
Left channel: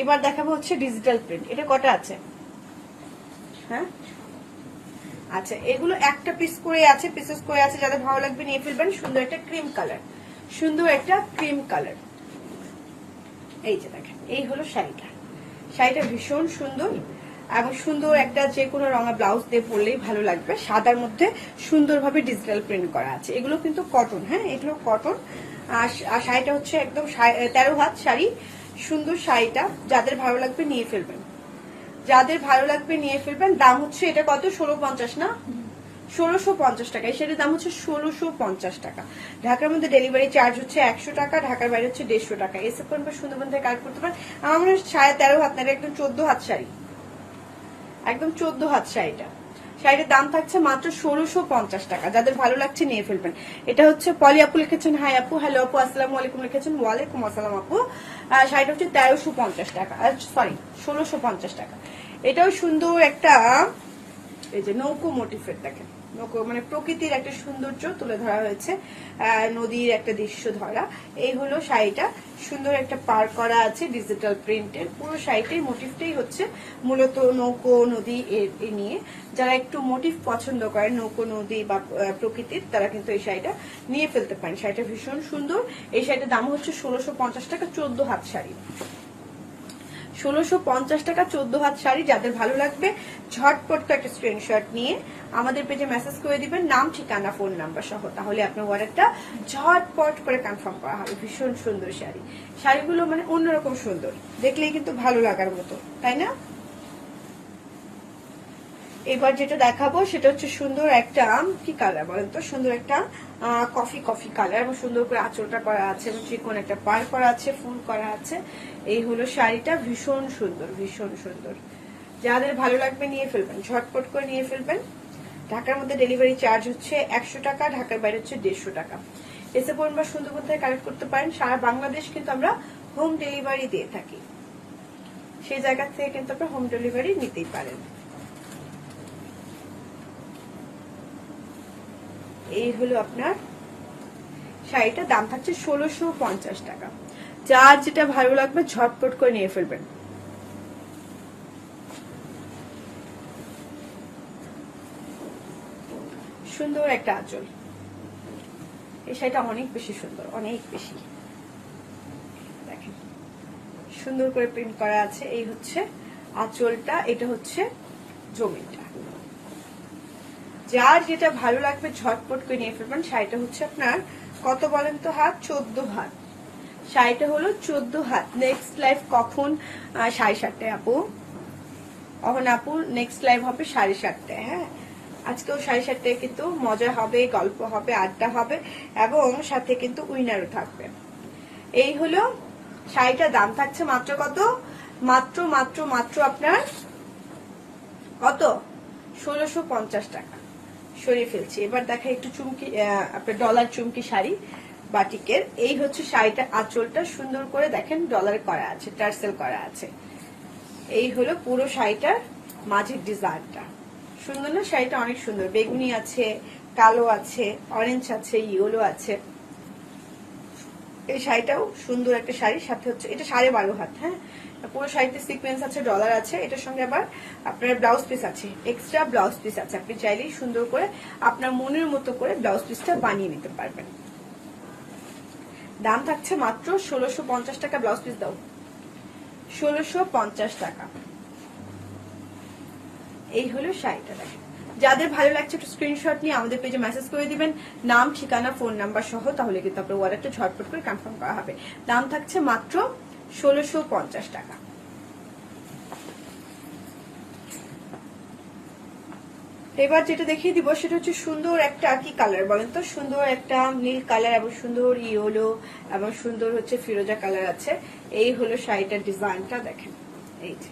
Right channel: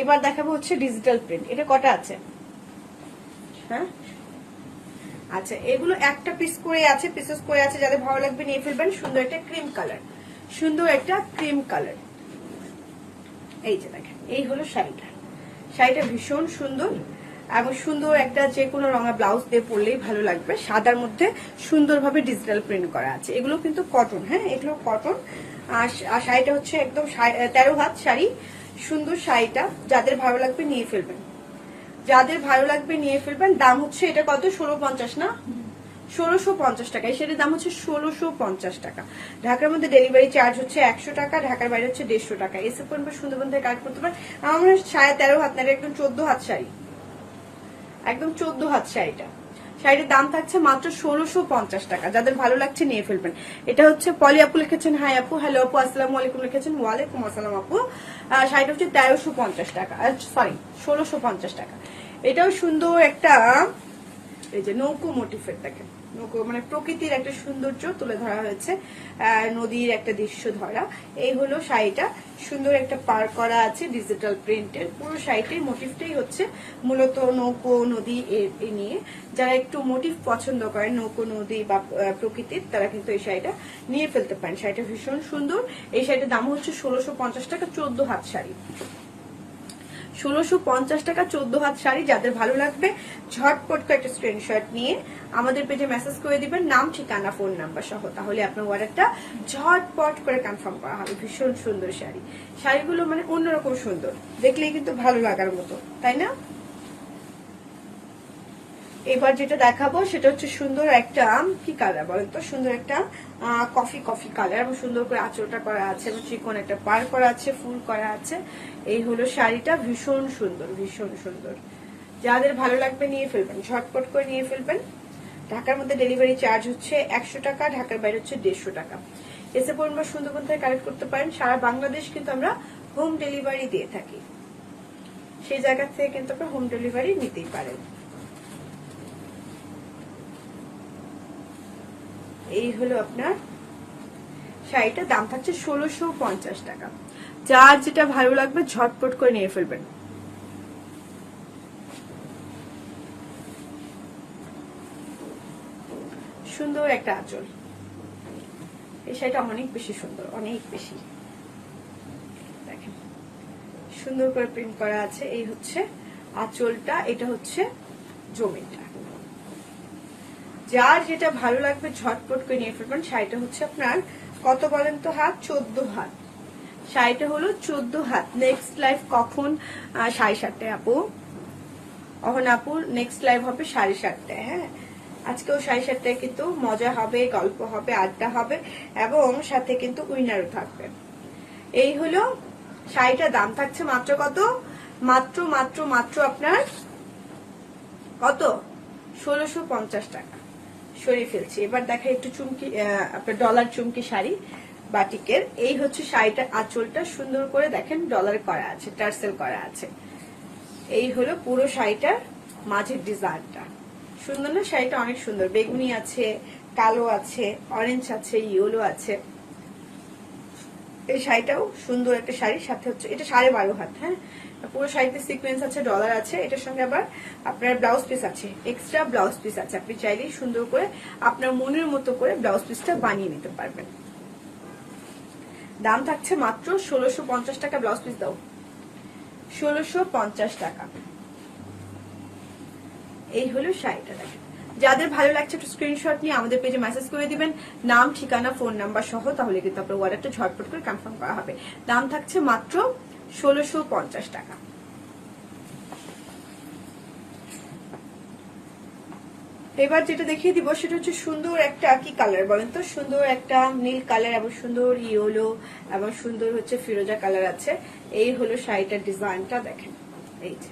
এবার দেখাবো হচ্ছে ডিজিটাল প্রিন্ট। এটা কটা আছে? হ্যাঁ, আচ্ছা, এগুলো একটা পিস করে আছে, পিসেস করে আছে। যাদের ভালো লাগবে নিয়ে ফেলবেন। সুন্দর একটা ক্রিম কালার, সুন্দর একটা ক্রিম কালার। এই যে দেখেন, এই হলো শাড়িটা ভীষণ সুন্দর এবং সুন্দর একটা যে কোনো রঙা ব্লাউজ দিয়ে পরলেই ভালো লাগবে। সাদার মধ্যে সুন্দরভাবে ডিজিটাল প্রিন্ট করা আছে। এগুলো কিন্তু কটন, হ্যাঁ, এগুলো কটন। আর শাড়িটা হচ্ছে একদম 13 হাত শাড়ি, সুন্দর শাড়িটা। যাদের ভালো লাগবে নিয়ে ফেলবেন, যাদের ভালো লাগবে নিয়ে ফেলবেন। দাম হচ্ছে এটা কত, 1650 না, 1650 টাকা। এই শাড়ির দাম হচ্ছে 1650 টাকা। ঢাকার মধ্যে ডেলিভারি চার্জ হচ্ছে 100 টাকা, ঢাকার বাইরে হচ্ছে 150 টাকা। এসে পড়বে সুন্দরবন থেকে কালেক্ট করতে পারেন। আমার 13.5 হাত না, একদম 14 হাত শাড়ি, একদম 14 হাত শাড়িটার দাম থাকছে মাত্র 1650 টাকা। যাদের ভালো লাগছে নিয়ে ফেলবেন। এটা হচ্ছে পলি আপু লিখেছেন, হাই আপু, হ্যালো আপু, আসসালামু আলাইকুম লিখেছেন, ওয়ালাইকুম আসসালাম আপু। শাড়িটা হচ্ছে 1350 টাকা, সরি 1650 টাকা। এটাও সুন্দর একটা, এই যে নৌকো মোটিফের, দেখেন নৌকো মানে প্রকৃতির একটা সৌন্দর্য তুলে ধরা হয়েছে, নদীর একটা দৃশ্য ধরা। এই হলো শাড়িটা, সুন্দর একটা পার করা আছে ডিজিটাল প্রিন্টের। পুরো শাড়িটির মোটিভটাই হচ্ছে মূলত নৌকো নদী নিয়ে। যারা একটু মোটিভ পছন্দ করেন নৌকো নদী বা প্রকৃতির, তারা কিন্তু এই শাড়িটা নিয়ে ফেলতে পারেন। শাড়িটা ভীষণ সুন্দর। এই শাড়িটার দাম হচ্ছে 1650 টাকা, 14 হাত শাড়ি। 1650 টাকা 14 হাত শাড়ি। যাদের ভালো লাগবে ঝটপট একটা স্ক্রিনশট নিয়ে আমাদের পেজে মেসেজ করে দিবেন, নাম, ঠিকানা, ফোন নাম্বার সহ। তাহলে আপনার অর্ডারটা ঝটপট করে কনফার্ম করা হবে। ভীষণ সুন্দর শাড়িগুলো মানে অন্যরকম সুন্দর, দেখলেই কিন্তু ভালো লাগার মতো, তাই না? এবার যেটা দেখাবো সেটা হচ্ছে সুন্দর একটা, কি কালার বলেন তো, সুন্দর একটা কফি কালার এবং সুন্দর করে আঁচলটা করা আছে এবং চিকন একটা পার করা আছে, ফুল করা আছে। এই হলো শাড়িটা, ভীষণ সুন্দর, ভীষণ সুন্দর। যাদের ভালো লাগবে নিয়ে ফেলবেন, ঝটপট করে নিয়ে ফেলবেন। ঢাকার মধ্যে ডেলিভারি চার্জ হচ্ছে 100 টাকা, ঢাকার বাইরে হচ্ছে 150 টাকা। এসে পরিমাণ সুন্দরবন থেকে কালেক্ট করতে পারেন। সারা বাংলাদেশ কিন্তু আমরা হোম ডেলিভারি দিয়ে থাকি, সেই জায়গা থেকে কিন্তু আপনারা হোম ডেলিভারি নিতেই পারেন। এই হলো আপনার শাড়িটার দাম থাকছে 1650 টাকা। যার যেটা ভালো লাগবে ঝটপট করে নিয়ে ফেলবেন। সুন্দর একটা আঁচল, এই শাড়িটা অনেক বেশি সুন্দর, অনেক বেশি। দেখেন সুন্দর করে প্রিন্ট করা আছে। এই হচ্ছে আঁচলটা, এটা হচ্ছে জমিটা। যার যেটা ভালো লাগবে ঝটপট করে নিয়ে ফেলবেন। শাড়িটা হচ্ছে আপনার কত বলেন তো হাত, 14 হাত। শাড়িটা হলো 14 হাত। নেক্সট লাইভ কখন? 7:30 আপু, অহন আপু নেক্সট লাইভ হবে 7:30। হ্যাঁ, আজকেও 7:30 কিন্তু মজা হবে, গল্প হবে, আড্ডা হবে এবং সাথে কিন্তু উইনারও থাকবে। এই হলো শাড়িটার দাম থাকছে মাত্র কত, মাত্র আপনার কত, 1650 টাকা। সরিয়ে ফেলছি। এবার দেখা একটু চুমকি, আপনার ডলার চুমকি শাড়ি বাটিকের। এই হচ্ছে শাড়িটা, আঁচলটা সুন্দর করে দেখেন ডলার করা আছে, টার্সেল করা আছে। এই হলো পুরো শাড়িটার মাঝের ডিজাইনটা। সুন্দর না? শাড়িটা অনেক সুন্দর, বেগুনি আছে, কালো আছে, অরেঞ্জ আছে, ইয়েলো আছে। এই শাড়িটাও সুন্দর একটা শাড়ি। সাথে হচ্ছে এটা 12.5 হাত। হ্যাঁ, পুরো শাড়িতে সিকোয়েন্স আছে, ডলার আছে। এটার সঙ্গে আবার আপনার ব্লাউজ পিস আছে, এক্সট্রা ব্লাউজ পিস আছে। আপনি চাইলেই সুন্দর করে আপনার মনের মতো করে ব্লাউজ পিসটা বানিয়ে নিতে পারবেন। দাম থাকছে মাত্র 1650 টাকা। ব্লাউজ পিস দাও, 1650 টাকা। এই হলো শাড়িটা। দেখেন, যাদের ভালো লাগছে একটু স্ক্রিনশট নিয়ে আমাদের পেজে মেসেজ করে দিবেন, নাম, ঠিকানা, ফোন নাম্বার সহ। তাহলে কিন্তু আপনার অর্ডারটা ঝটপট করে কনফার্ম করা হবে। দাম থাকছে মাত্র 1650 টাকা। এবার যেটা দেখিয়ে দিব সেটা হচ্ছে সুন্দর একটা কি কালার বলেন তো? সুন্দর একটা নীল কালার এবং সুন্দর ইয়েলো এবং সুন্দর হচ্ছে ফিরোজা কালার আছে। এই হলো শাড়িটার ডিজাইনটা। দেখেন, এই যে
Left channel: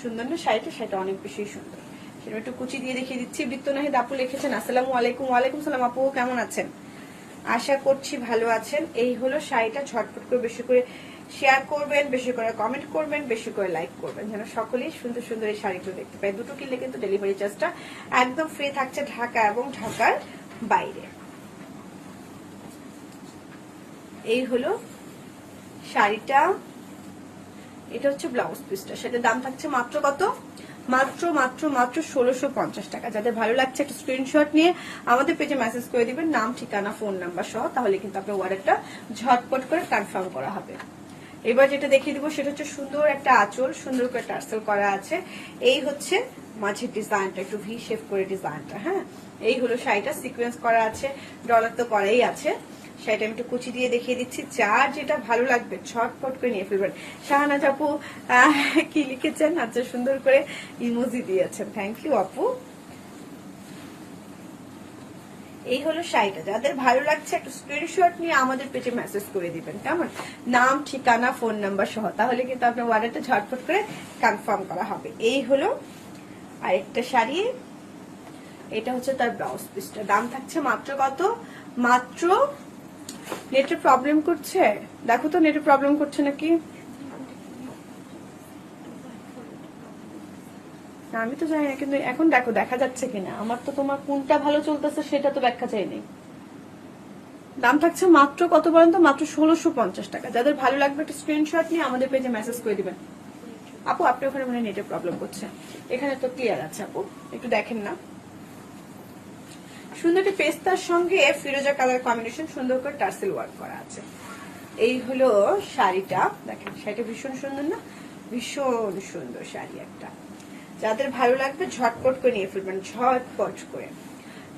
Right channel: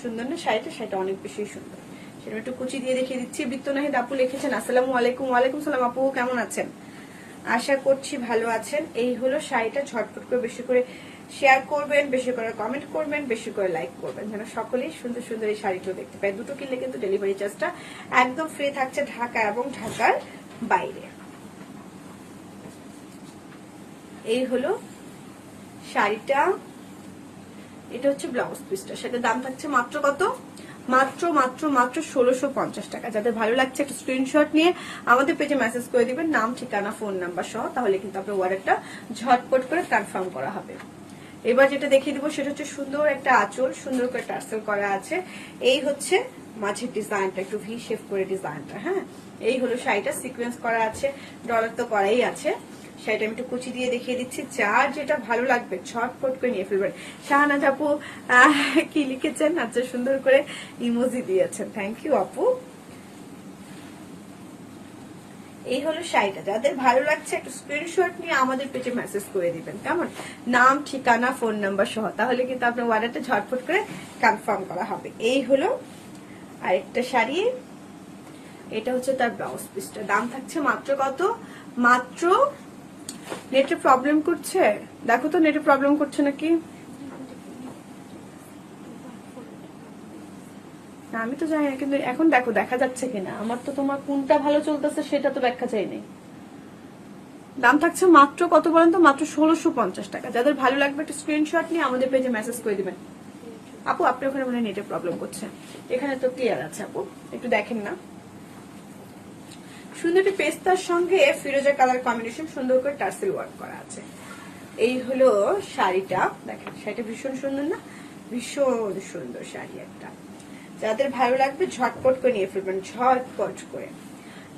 সুন্দর না শাড়িটা? শাড়িটা অনেক বেশি সুন্দর। সেটা একটু কুচি দিয়ে দেখিয়ে দিচ্ছি। বৃত্ত নাহিদ আপু লিখেছেন, আসসালামু আলাইকুম। ওয়ালাইকুম সালাম আপু, কেমন আছেন? আশা করছি ভালো আছেন। এই হলো শাড়িটা। ঝটপট করে বেশি করে শেয়ার করবেন, বেশি করে কমেন্ট করবেন, বেশি করে লাইক করবেন, যেন সকলেই সুন্দর সুন্দর এই শাড়িগুলো দেখতে পায়। দুটো কিনলে কিন্তু ডেলিভারি চার্জটা একদম ফ্রি থাকছে ঢাকা এবং ঢাকার বাইরে। এই হলো শাড়িটা। এটা হচ্ছে ব্লাউজ পিসটা। সেটার দাম থাকছে মাত্র কত? মাত্র মাত্র মাত্র 1650 টাকা। যাদের ভালো লাগছে একটা স্ক্রিনশট নিয়ে আমাদের পেজে মেসেজ করে দিবেন, নাম, ঠিকানা, ফোন নাম্বার সহ। তাহলে কিন্তু আপনার অর্ডারটা ঝটপট করে কনফার্ম করা হবে। এবার যেটা দেখিয়ে দেবো সেটা হচ্ছে সুন্দর একটা আঁচল, সুন্দর করে টার্সেল করা আছে। এই হচ্ছে মাঝের ডিজাইনটা, একটু ভি শেপ করে ডিজাইনটা। হ্যাঁ, এই হলো শাড়িটা, সিকোয়েন্স করা আছে, ডলার তো করাই আছে। সেটা আমি একটু কুচি দিয়ে দেখিয়ে দিচ্ছি। যার যেটা ভালো লাগবে ঝটপট করে নিয়ে ফেলবেন। শাহানা আপু কি লিখেছেন? আচ্ছা, সুন্দর করে ইমোজি দিয়েছেন, থ্যাংক ইউ আপু। এই হলো শাড়িটা। যাদের ভালো লাগছে একটা স্ক্রিনশট নিয়ে আমাদের পেজে মেসেজ করে দিবেন, কেমন? নাম, ঠিকানা, ফোন নাম্বার সহ। তাহলে কিন্তু আপনার অর্ডারটা ঝটপট করে কনফার্ম করা হবে। এই হলো আরেকটা শাড়ি। এটা হচ্ছে তার ব্লাউজ পিসটা। দাম থাকছে মাত্র কত? মাত্র, নেটের প্রবলেম করছে? দেখো তো নেটের প্রবলেম করছে নাকি। আমি তো জানি না, কিন্তু এখন দেখো দেখা যাচ্ছে কিনা। আমার তো তোমার কোনটা ভালো চলতেছে সেটা তো ব্যাখ্যা চাইনি। দাম থাকছে মাত্র কত বলেন তো? মাত্র 1650 টাকা। যাদের ভালো লাগবে একটা স্ক্রিনশট নিয়ে আমাদের পেজে মেসেজ করে দিবেন। আপু আপনি ওখানে মানে নেটের প্রবলেম করছে, এখানে তো ক্লিয়ার আছে। আপু একটু দেখেন না। সুন্দর একটা পেস্তার সঙ্গে ফিরোজা কালার কম্বিনেশন, সুন্দর করে টার্সেল ওয়ার্ক করা আছে। এই হলো শাড়িটা। দেখেন, শাড়িটা ভীষণ সুন্দর না? ভীষণ সুন্দর শাড়ি একটা। যাদের ভালো লাগবে ঝটপট করে নিয়ে ফেলবেন, ঝটপট করে।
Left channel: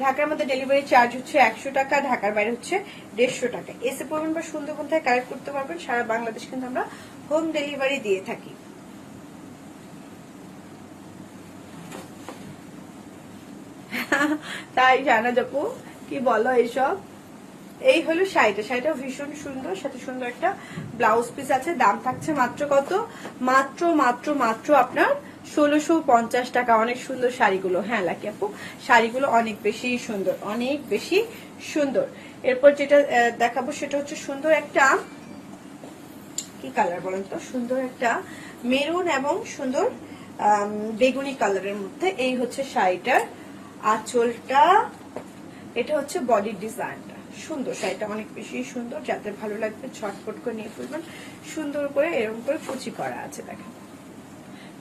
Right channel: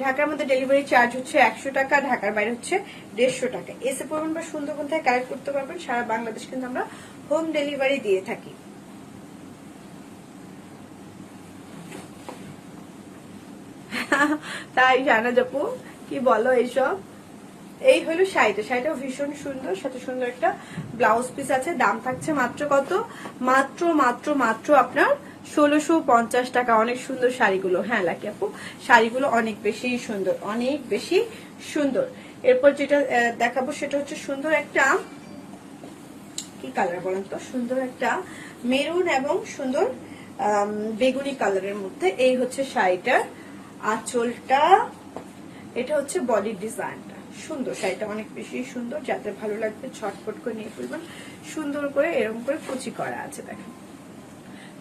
ঢাকার মধ্যে ডেলিভারি চার্জ হচ্ছে 100 টাকা, ঢাকার বাইরে হচ্ছে 150 টাকা। এসে পড়বেন বা সুন্দরবন থেকে কালেক্ট করতে পারবেন। সারা বাংলাদেশ কিন্তু আমরা হোম ডেলিভারি দিয়ে থাকি। তাই জানা যাবো কি বলো এইসব। এই হলো শাড়িটা। শাড়িটা ভীষণ সুন্দর, সাথে সুন্দর একটা ব্লাউজ পিস আছে। দাম থাকছে মাত্র কত? মাত্র মাত্র মাত্র আপনার 1650 টাকা। অনেক সুন্দর শাড়িগুলো। হ্যাঁ লাকি আপু, শাড়িগুলো অনেক বেশি সুন্দর, অনেক বেশি সুন্দর। এরপর যেটা দেখাবো সেটা হচ্ছে সুন্দর একটা কি কালার বলেন তো? সুন্দর একটা মেরুন এবং সুন্দর বেগুনি কালারের মধ্যে। এই হচ্ছে শাড়িটার আঁচলটা। এটা হচ্ছে বডির ডিজাইনটা। সুন্দর শাড়িটা, অনেক বেশি সুন্দর। যাদের ভালো লাগবে ছটফট করে নিয়ে ফেলবেন। সুন্দর করে এরকম করে কুচি করা আছে। দেখেন,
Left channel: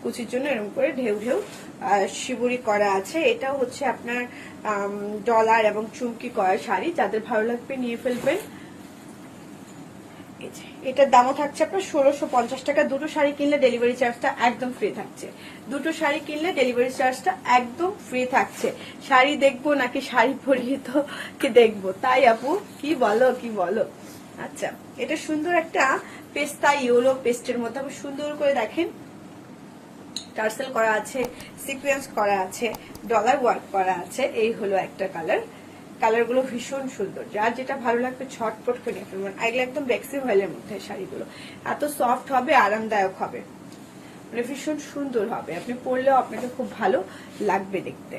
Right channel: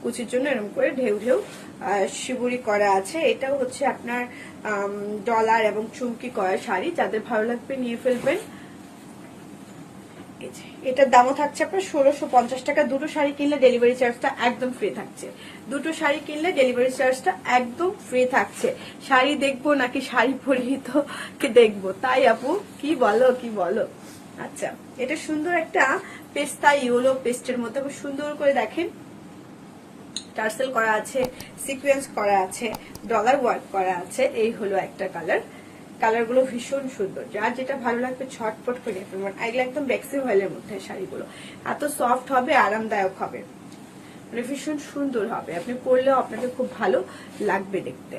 কুচির জন্য এরকম করে ঢেউ ঢেউ শিবুরি করা আছে। এটাও হচ্ছে আপনার ডলার এবং চুমকি করা শাড়ি। যাদের ভালো লাগবে নিয়ে ফেলবেন। এটার দামও থাকছে আপনার 1650 টাকা। দুটো শাড়ি কিনলে ডেলিভারি চার্জটা একদম ফ্রি থাকছে। দুটো শাড়ি কিনলে ডেলিভারি চার্জটা একদম ফ্রি থাকছে। শাড়ি দেখবো নাকি শাড়ি পরিহিত কি দেখবো? তাই আপু, কি বলো কি বলো? আচ্ছা, এটা সুন্দর একটা পেস্তা ইয়েলো পেস্টের মধ্যে সুন্দর করে দেখেন টার্সেল করা আছে, সিকোয়েন্স করা আছে, ডলার ওয়ার্ক করা আছে। এই হলো একটা কালার। কালারগুলো ভীষণ সুন্দর। যার যেটা ভালো লাগবে ছটপট করে নিয়ে ফেলবেন। এগুলো একদম বেক্সি অয়েলের মধ্যে শাড়িগুলো। এত সফট হবে, আরামদায়ক হবে, মানে ভীষণ সুন্দর হবে। আপনি পরলেও আপনাকে খুব ভালো লাগবে দেখতে।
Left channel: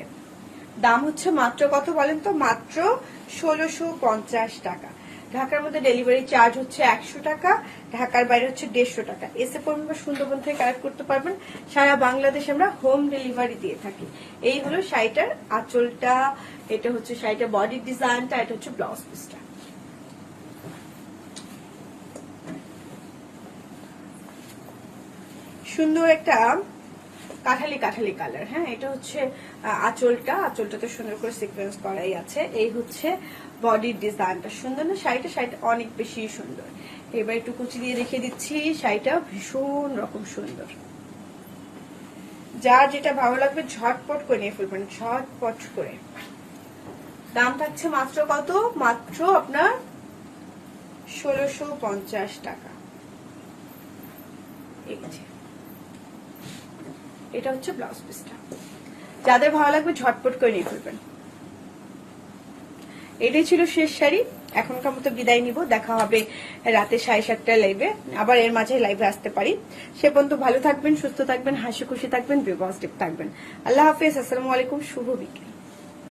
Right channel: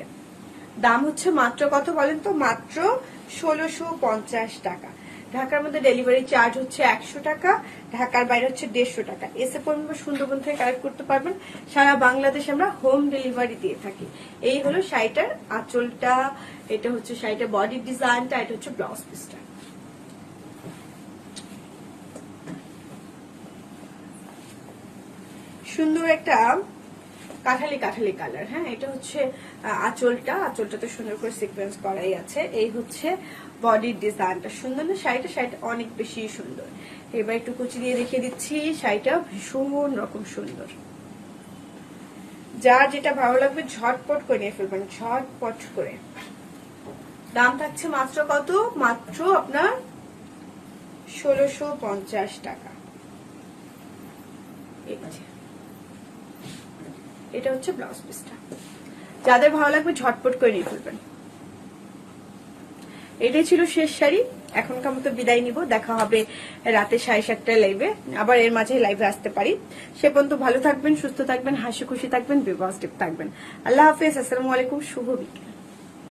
দাম হচ্ছে মাত্র কত বলেন তো? মাত্র 1650 টাকা। ঢাকার মধ্যে ডেলিভারি চার্জ হচ্ছে 100 টাকা, ঢাকার বাইরে হচ্ছে 150 টাকা। এসে পর্যন্ত সুন্দরবন থেকে কালেক্ট করতে পারবেন। সারা বাংলাদেশ আমরা হোম ডেলিভারি দিয়ে থাকি। এই হলো শাড়িটার আঁচলটা, এটা হচ্ছে শাড়িটার বডি ডিজাইনটা, এটা হচ্ছে ব্লাউজ পিসটা। সুন্দর একটা কাঠালি কাঠালি কালার। হ্যাঁ, এটা হচ্ছে আঁচলটাতে সুন্দর করে সিকোয়েন্স করাই আছে। এই হচ্ছে বডির ডিজাইনটা। সুন্দর না শাড়িটা? শাড়িটা অনেক বেশি সুন্দর। এবার একটু কুচি দিয়ে রেখে দিচ্ছি। শাড়িটা ভীষণ রকম সুন্দর। যা যেটা ভালো লাগবে ঝটপট করে নিয়ে ফেলবেন, ঝটপট করে। দাম থাকছে মাত্র কত? মাত্র আপনার 1650 টাকা। এটা হচ্ছে ব্লাউজ পিসটা। যাদের ভালো লাগবে ঝটপট করে নিয়ে ফেলবেন। এটাই ছিল শেষ শাড়ি। এখনকার মতো বিদায় নিব। দেখা হবে রাতে 7:30টায় লাইভে। আবার এর মাঝে লাইভে আসতে পারি। সে পর্যন্ত ভালো থাকবেন, সুস্থ থাকবেন, হাসি খুশি থাকবেন, বিবাস্টিক থাকবেন। আল্লাহ হাফেজ। আসসালামু আলাইকুম। শুভ বিকেল।